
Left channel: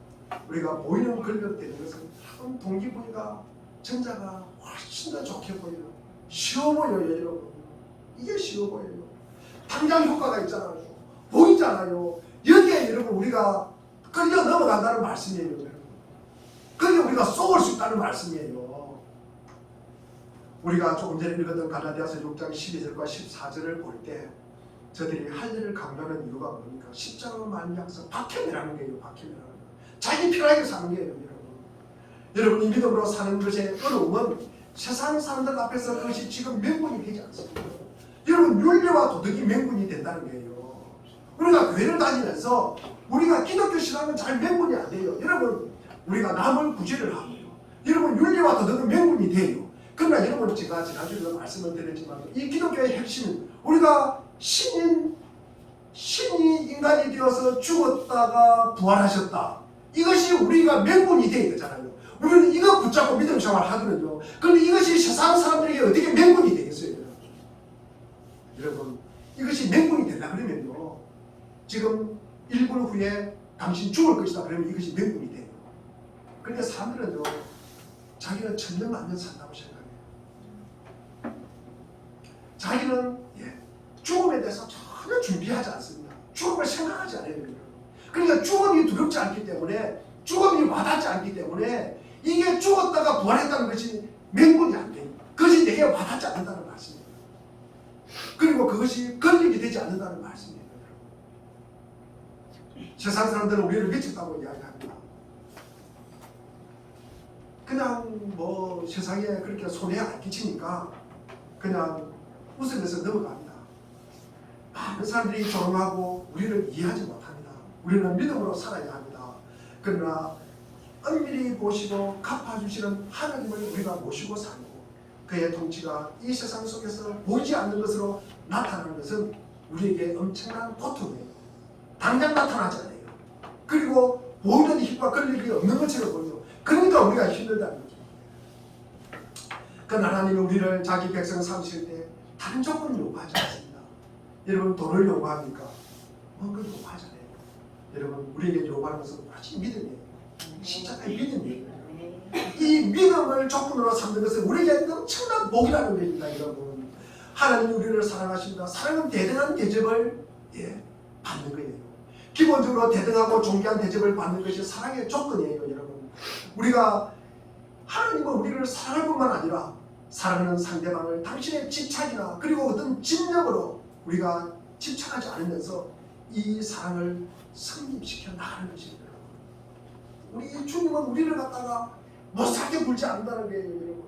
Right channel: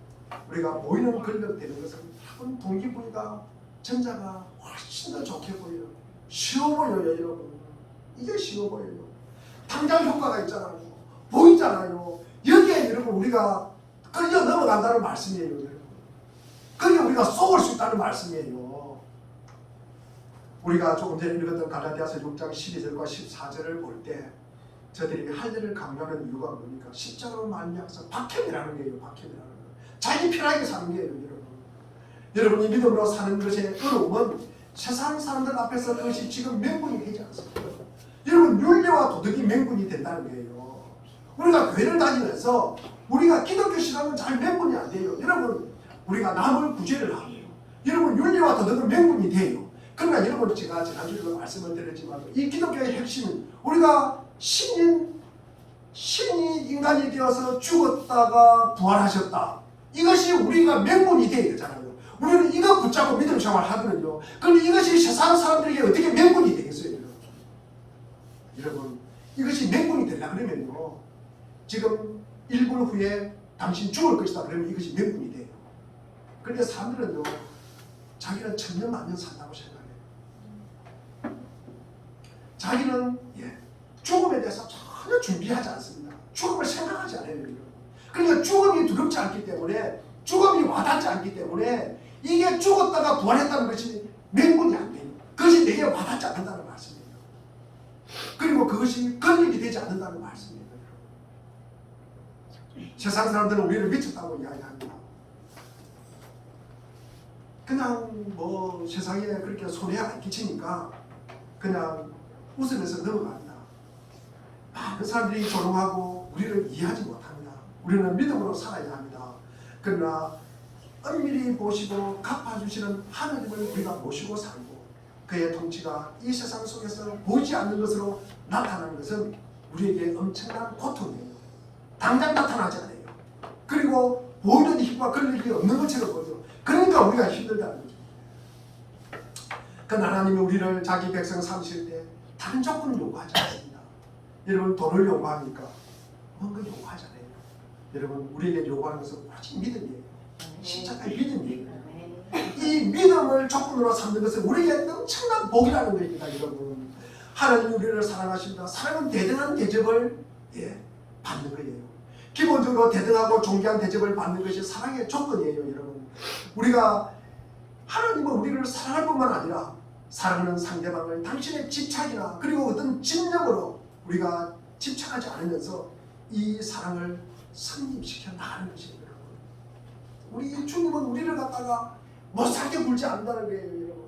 우리가 보이는 권력 되는 것은 한 동기부여가 전자가 훨씬 더 좋게 보여요. 쉬워 보여요 여러분. 이게 쉬워 보여요. 당장 효과가 있잖아요. 보이잖아요. 여기에 여러분 우리가 끌려 넘어간다는 말씀이에요 여러분. 거기에 우리가 쏘을 수 있다는 말씀이에요. 우리가 조금 전에 읽었던 갈라디아서 6장 12절과 14절을 볼 때 저들이 할 일을 강조하는 이유가 뭡니까? 십자가로 말미암아서 박해매라는 거예요. 박해매라는 거. 자기 편하게 사는 거예요 여러분. 여러분 이 믿음으로 사는 것의 어려움은 세상 사람들 앞에서 그것이 지금 명분이 되지 않습니다. 여러분 윤리와 도덕이 명분이 된다는 거예요. 우리가 교회를 다니면서 우리가 기독교 신앙은 잘 명분이 안 돼요. 여러분 우리가 남을 구제를 하고요. 여러분 윤리와 도덕은 명분이 돼요. 그러나 여러분 제가 지난주에도 말씀을 드렸지만 이 기독교의 핵심은 우리가 신이 인간이 되어서 죽었다가 부활하셨다. 이것이 우리가 명분이 돼야 되잖아요. 우리는 이거 붙잡고 믿음 생활을 하거든요. 그런데 이것이 세상 사람들에게 어떻게 명분이 되겠어요? 여러분 이것이 명분이 되려 그러면요. 지금 1분 후에 당신 죽을 것이다 그러면 이것이 명분이 돼요. 그런데 사람들은요. 자기는 천년 만년 산다고 생각해요. 자기는 죽음에 대해서 전혀 준비하지 않습니다. 죽음을 생각하지 않아요. 그러니까 죽음이 두렵지 않기 때문에 죽음이 와닿지 않기 때문에 이게 죽었다가 부활했다는 것이 명분이 안 돼요. 그것이 내게 와닿지 않는다는 말씀이에요. 그리고 그것이 걸리게 되지 않는다는 말씀이에요. 세상 사람들은 우리를 미쳤다고 이야기합니다. 그냥 뭐 세상에 그렇게 손해 안 끼치니까 그냥 웃으면서 넘어갑니다. 많은 사람들이 조롱하고 우리를 이해하지 못합니다. 우리는 믿음으로 살아야 합니다. 그러나 엄밀히 보시고 갚아주시는 하나님을 우리가 모시고 살고 그의 통치가 이 세상 속에서 보이지 않는 것으로 나타나는 것은 우리에게 엄청난 고통이에요. 당장 나타나지 않아요. 그리고 보이는 힘과 걸릴 일이 없는 것처럼 보여요. 그러니까 우리가 힘들다는 거죠. 그 하나님이 우리를 자기 백성 삼실 때 다른 조건을 요구하지 않습니다. 여러분 돈을 요구하니까 뭔가 요구하잖아요. 여러분 우리에게 요구하는 것은 오직 믿음이에요. 십자가의 믿음이에요. 이 믿음을 조건으로 삼는 것은 우리에게 엄청난 복이라는 것입니다. 여러분 하나님이 우리를 사랑하십니다. 사랑은 대등한 대접을 받는 거예요. 기본적으로 대등하고 존귀한 대접을 받는 것이 사랑의 조건이에요. 여러분 우리가 하나님은 우리를 사랑할 뿐만 아니라 사랑하는 상대방을 당신의 집착이나 그리고 어떤 집념으로 우리가 집착하지 않으면서 이 사랑을 성립시켜 나가는 것이에요. 우리 주님은 우리를 갖다가 못살게 굴지 않는다는 거예요. 여러분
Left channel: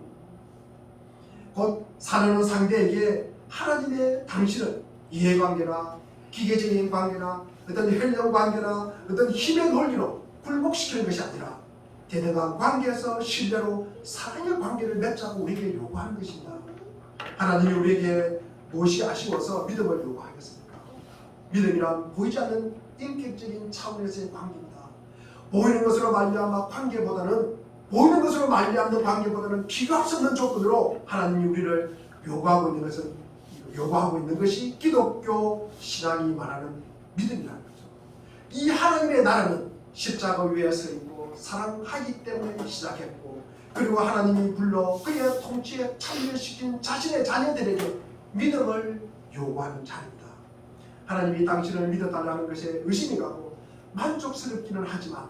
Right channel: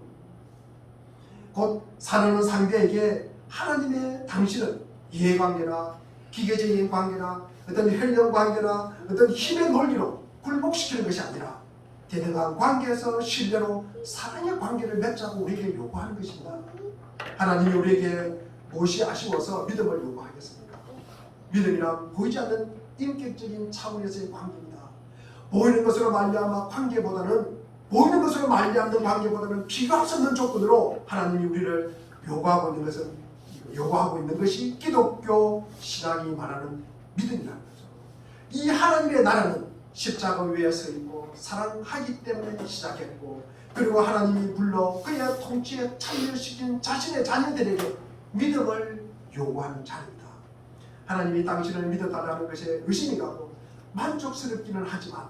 곧 사랑하는 상대에게 하나님의 당신을 이해관계나 기계적인 관계나 어떤 혈연 관계나 어떤 힘의 논리로 굴복시키는 것이 아니라 대등한 관계에서 신뢰로 사랑의 관계를 맺자고 우리에게 요구하는 것입니다. 하나님이 우리에게 무엇이 아쉬워서 믿음을 요구하겠습니까? 믿음이란 보이지 않는 인격적인 차원에서의 관계입니다. 보이는 것으로 말미암아 관계보다는 보이는 것으로 말미암는 관계보다는 비교할 수 없는 조건으로 하나님이 우리를 요구하고 있는 것이 기독교 신앙이 말하는 믿음이라는 거죠. 이 하나님의 나라는 십자가 위에 서 있고 사랑하기 때문에 시작했고 그리고 하나님이 불러 그의 통치에 참여시킨 자신의 자녀들에게 믿음을 요구하는 자입니다. 하나님이 당신을 믿어달라는 것에 의심이 가고 만족스럽기는 하지만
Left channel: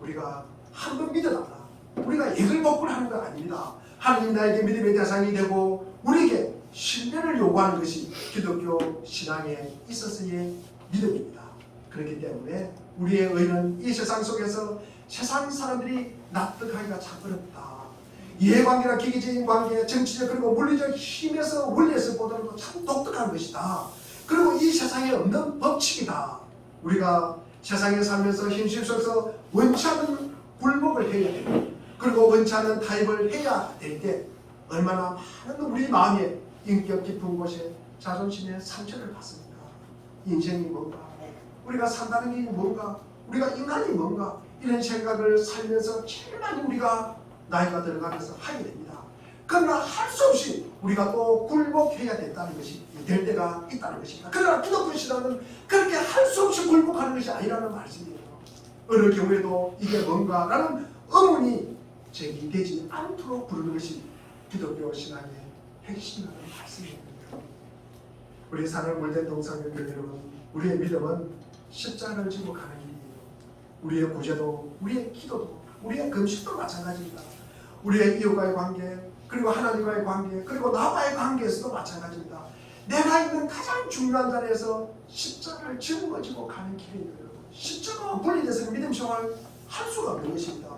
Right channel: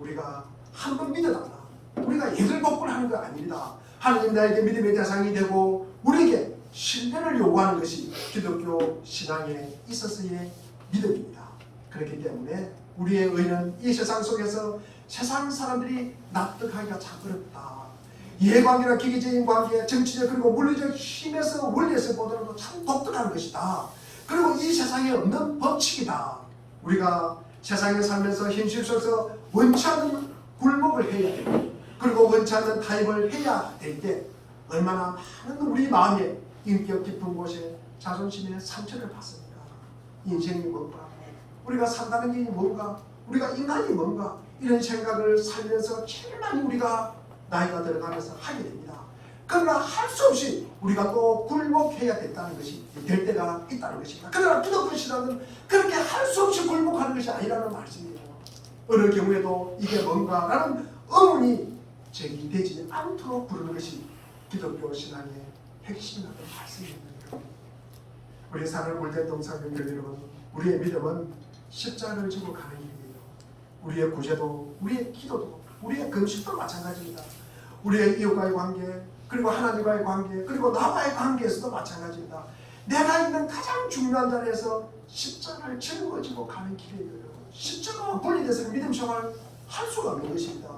우리가 한번 믿어달라 우리가 예글복걸하는 건 아닙니다. 하나님 나에게 믿음의 대상이 되고 우리에게 신뢰를 요구하는 것이 기독교 신앙에 있어서의 믿음입니다. 그렇기 때문에 우리의 의는 이 세상 속에서 세상 사람들이 납득하기가 참 어렵다. 이해관계나 기계적인 관계, 정치적 그리고 물리적 힘에서 원리에서 보더라도 참 독특한 것이다. 그리고 이 세상에 없는 법칙이다. 우리가 세상에 살면서 현실 속에서 원치 않는 굴복을 해야 되고 그리고 원치 않는 타협을 해야 될 때 얼마나 많은 우리 마음에 인격 깊은 곳에 자존심의 상처를 받습니까? 인생이 뭔가? 우리가 산다는 게 뭔가? 우리가 인간이 뭔가? 이런 생각을 살면서 제일 많이 우리가 나이가 들어가면서 하게 됩니다. 그러나 할 수 없이 우리가 또 굴복해야 된다는 것이 될 때가 있다는 것입니다. 그러나 기독교 신앙은 그렇게 할 수 없이 굴복하는 것이 아니라는 말씀이에요. 어느 경우에도 이게 뭔가라는 의문이 제기되지 않도록 부르는 것이 기독교 신앙의 핵심이라는 말씀입니다. 우리 사는 물된 동상님들 여러분, 우리의 믿음은 십자가를 지고 가는 길이에요. 우리의 구제도, 우리의 기도도, 우리의 금식도 마찬가지입니다. 우리의 이웃과의 관계, 그리고 하나님과의 관계, 그리고 나와의 관계에서도 마찬가지입니다. 내가 있는 가장 중요한 자리에서 십자가를 짊어지고 가는 길이에요. 십자가와 분리돼서 믿음 생활 할 수가 없는 것입니다.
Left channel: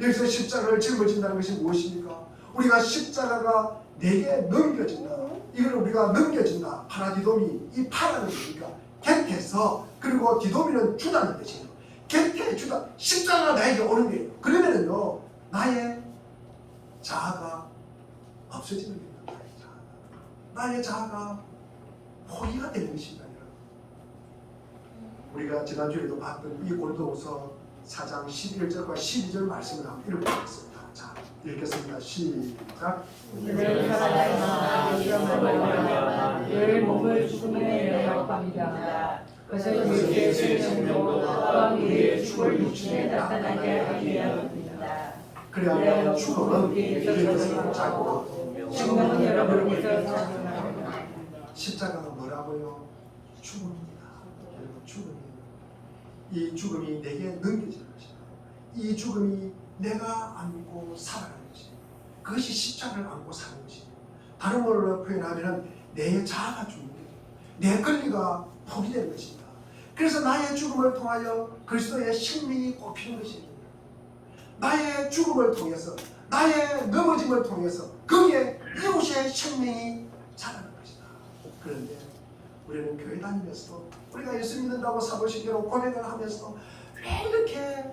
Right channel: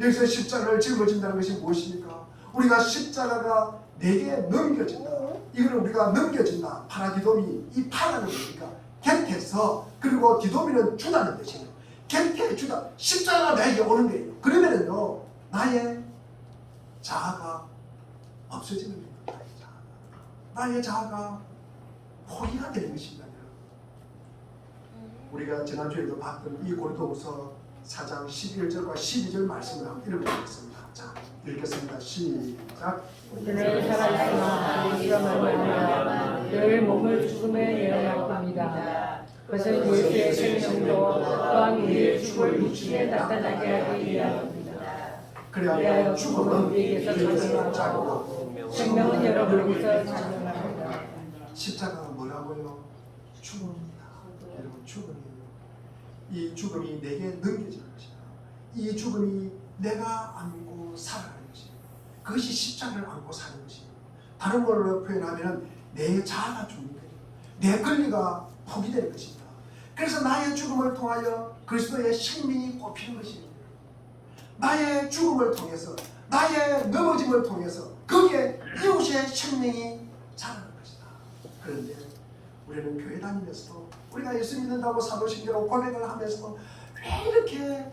여기서 십자가를 짊어진다는 것이 무엇입니까? 우리가 십자가가 내게 넘겨진다. 이걸 우리가 넘겨진다. 파라디돔이 이 파라는 것이니까 곁에서 그리고 디돔이는 주다는 뜻이에요. 곁에 주다. 십자가가 나에게 오는 거예요. 그러면은요 나의 자아가 없어지는 겁니다. 나의 자아가 포기가 되는 것입니다. 우리가 지난주에도 봤던 이 고린도후서 4장 11절과 12절 말씀을 한번 읽어보겠습니다. 자, 읽겠습니다. 시작. 늘 살아있으나 이런 말이야 늘 몸을 죽음에 이르노니이다. 그것은 우리의 생명도 또한 우리의 죽을 육신에 나타나게 하리이다. 그래야 죽음은 우리에게서 자고 생명은 여러분께서 자라납니다. 십자가가 뭐라고요? 죽음입니다. 여러분, 죽음이에요. 이 죽음이 내게 넘겨지는 것이다. 이 죽음이 내가 안고 살아가는 것이다. 그것이 십자가를 안고 사는 것이다. 다른 말로 표현하면 내 자아가 죽는 거예요. 내 권리가 포기되는 것이다. 그래서 나의 죽음을 통하여 그리스도의 생명이 꼽히는 것입니다. 나의 죽음을 통해서, 나의 넘어짐을 통해서 거기에 이웃의 생명이 자라는 것이다. 그런데 우리는 교회 다니면서도, 우리가 예수 믿는다고 사도신경으로 고백을 하면서도 왜 이렇게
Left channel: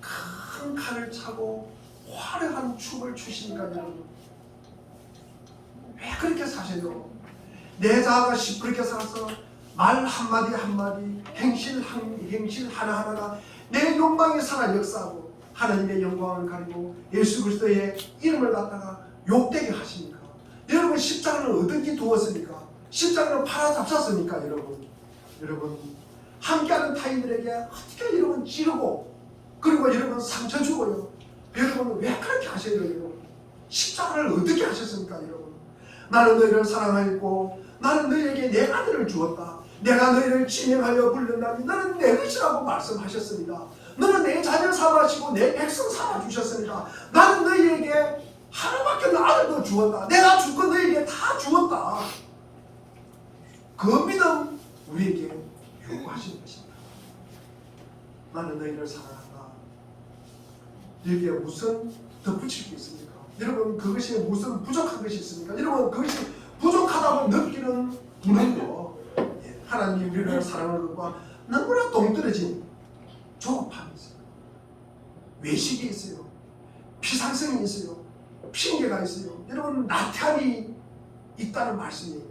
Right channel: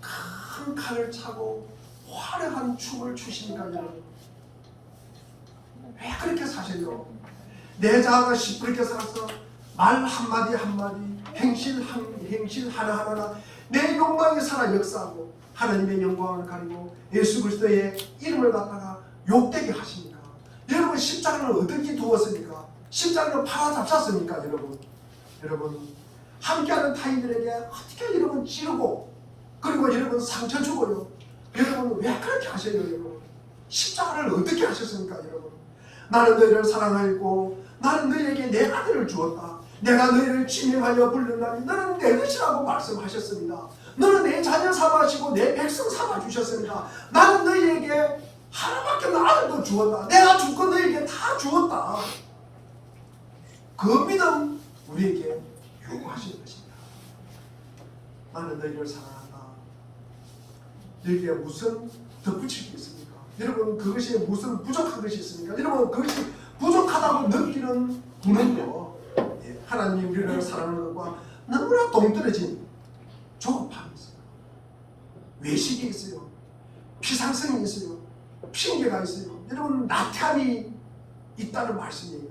큰 칼을 차고 화려한 춤을 추시니까 여러분? 왜 그렇게 사세요? 내 자아가 시끄럽게 살아서 말 한마디 한마디, 행실 하나하나가 내 욕망이 살아 역사하고 하나님의 영광을 가리고 예수 그리스도의 이름을 갖다가 욕되게 하십니까? 여러분, 십자가는 어떻게 두었습니까? 십자가는 팔아잡혔습니까? 여러분 함께하는 타인들에게 어떻게 여러분 찌르고, 그리고 여러분 상처 주고요. 여러분 왜 그렇게 하셔요? 여러분 십자가를 어떻게 하셨습니까? 여러분, 나는 너희를 사랑하였고 나는 너희에게 내 아들을 주었다. 내가 너희를 지명하여 부른다니 너는 내 것이라고 말씀하셨습니다. 너는 내 자녀 삼아시고 내 백성 삼아 주셨습니다. 나는 너희에게 하나밖에 없는 아들도 주었다. 내가 주고 너희에게 다 주었다. 그 믿음 우리에게 요구하시는 것입니다. 나는 너희를 사랑한다. 여기에 무슨 덧붙일 게 있습니까? 여러분, 그것이 무슨 부족한 것이 있습니까? 여러분, 그것이 부족하다고 느끼는 분은요, 하나님이 우리를 사랑하는 것과 너무나 동떨어진 조급함이 있어요. 외식이 있어요. 피상성이 있어요. 핑계가 있어요. 여러분, 나태함이 있다는 말씀이에요.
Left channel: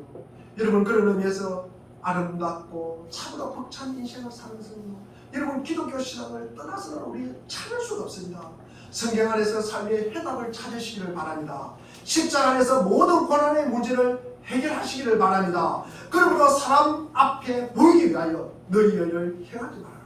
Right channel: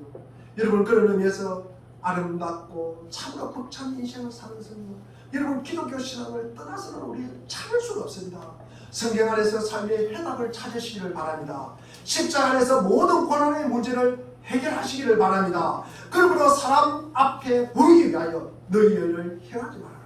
여러분, 그런 의미에서 아름답고 참으로 벅찬 인생을 사는 성도, 여러분, 기독교 신앙을 떠나서는 우리 찾을 수가 없습니다. 성경 안에서 삶의 해답을 찾으시기를 바랍니다. 십자가 안에서 모든 고난의 문제를 해결하시기를 바랍니다. 그러므로 사람 앞에 보이기 위하여 너희 일을 행하지 말아라.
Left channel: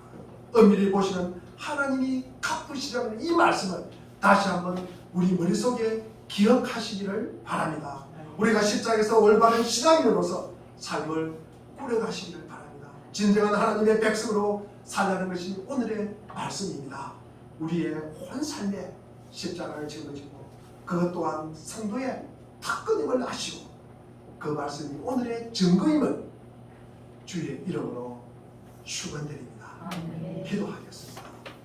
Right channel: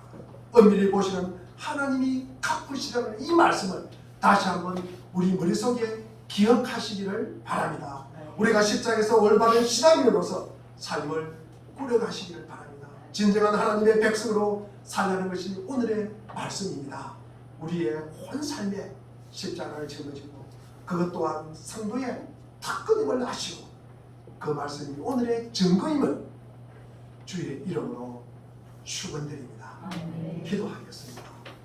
엄밀히 보시는 하나님이 갚으시라는 이 말씀을 다시 한번 우리 머릿속에 기억하시기를 바랍니다. 우리가 십자가에서 올바른 신앙인으로서 삶을 꾸려가시기를 바랍니다. 진정한 하나님의 백성으로 살라는 것이 오늘의 말씀입니다. 우리의 온 삶에 십자가를 짊어지고 그것 또한 성도의 특권임을 아시고 그 말씀이 오늘의 증거임을 주의 이름으로 축원드립니다. 기도하겠습니다.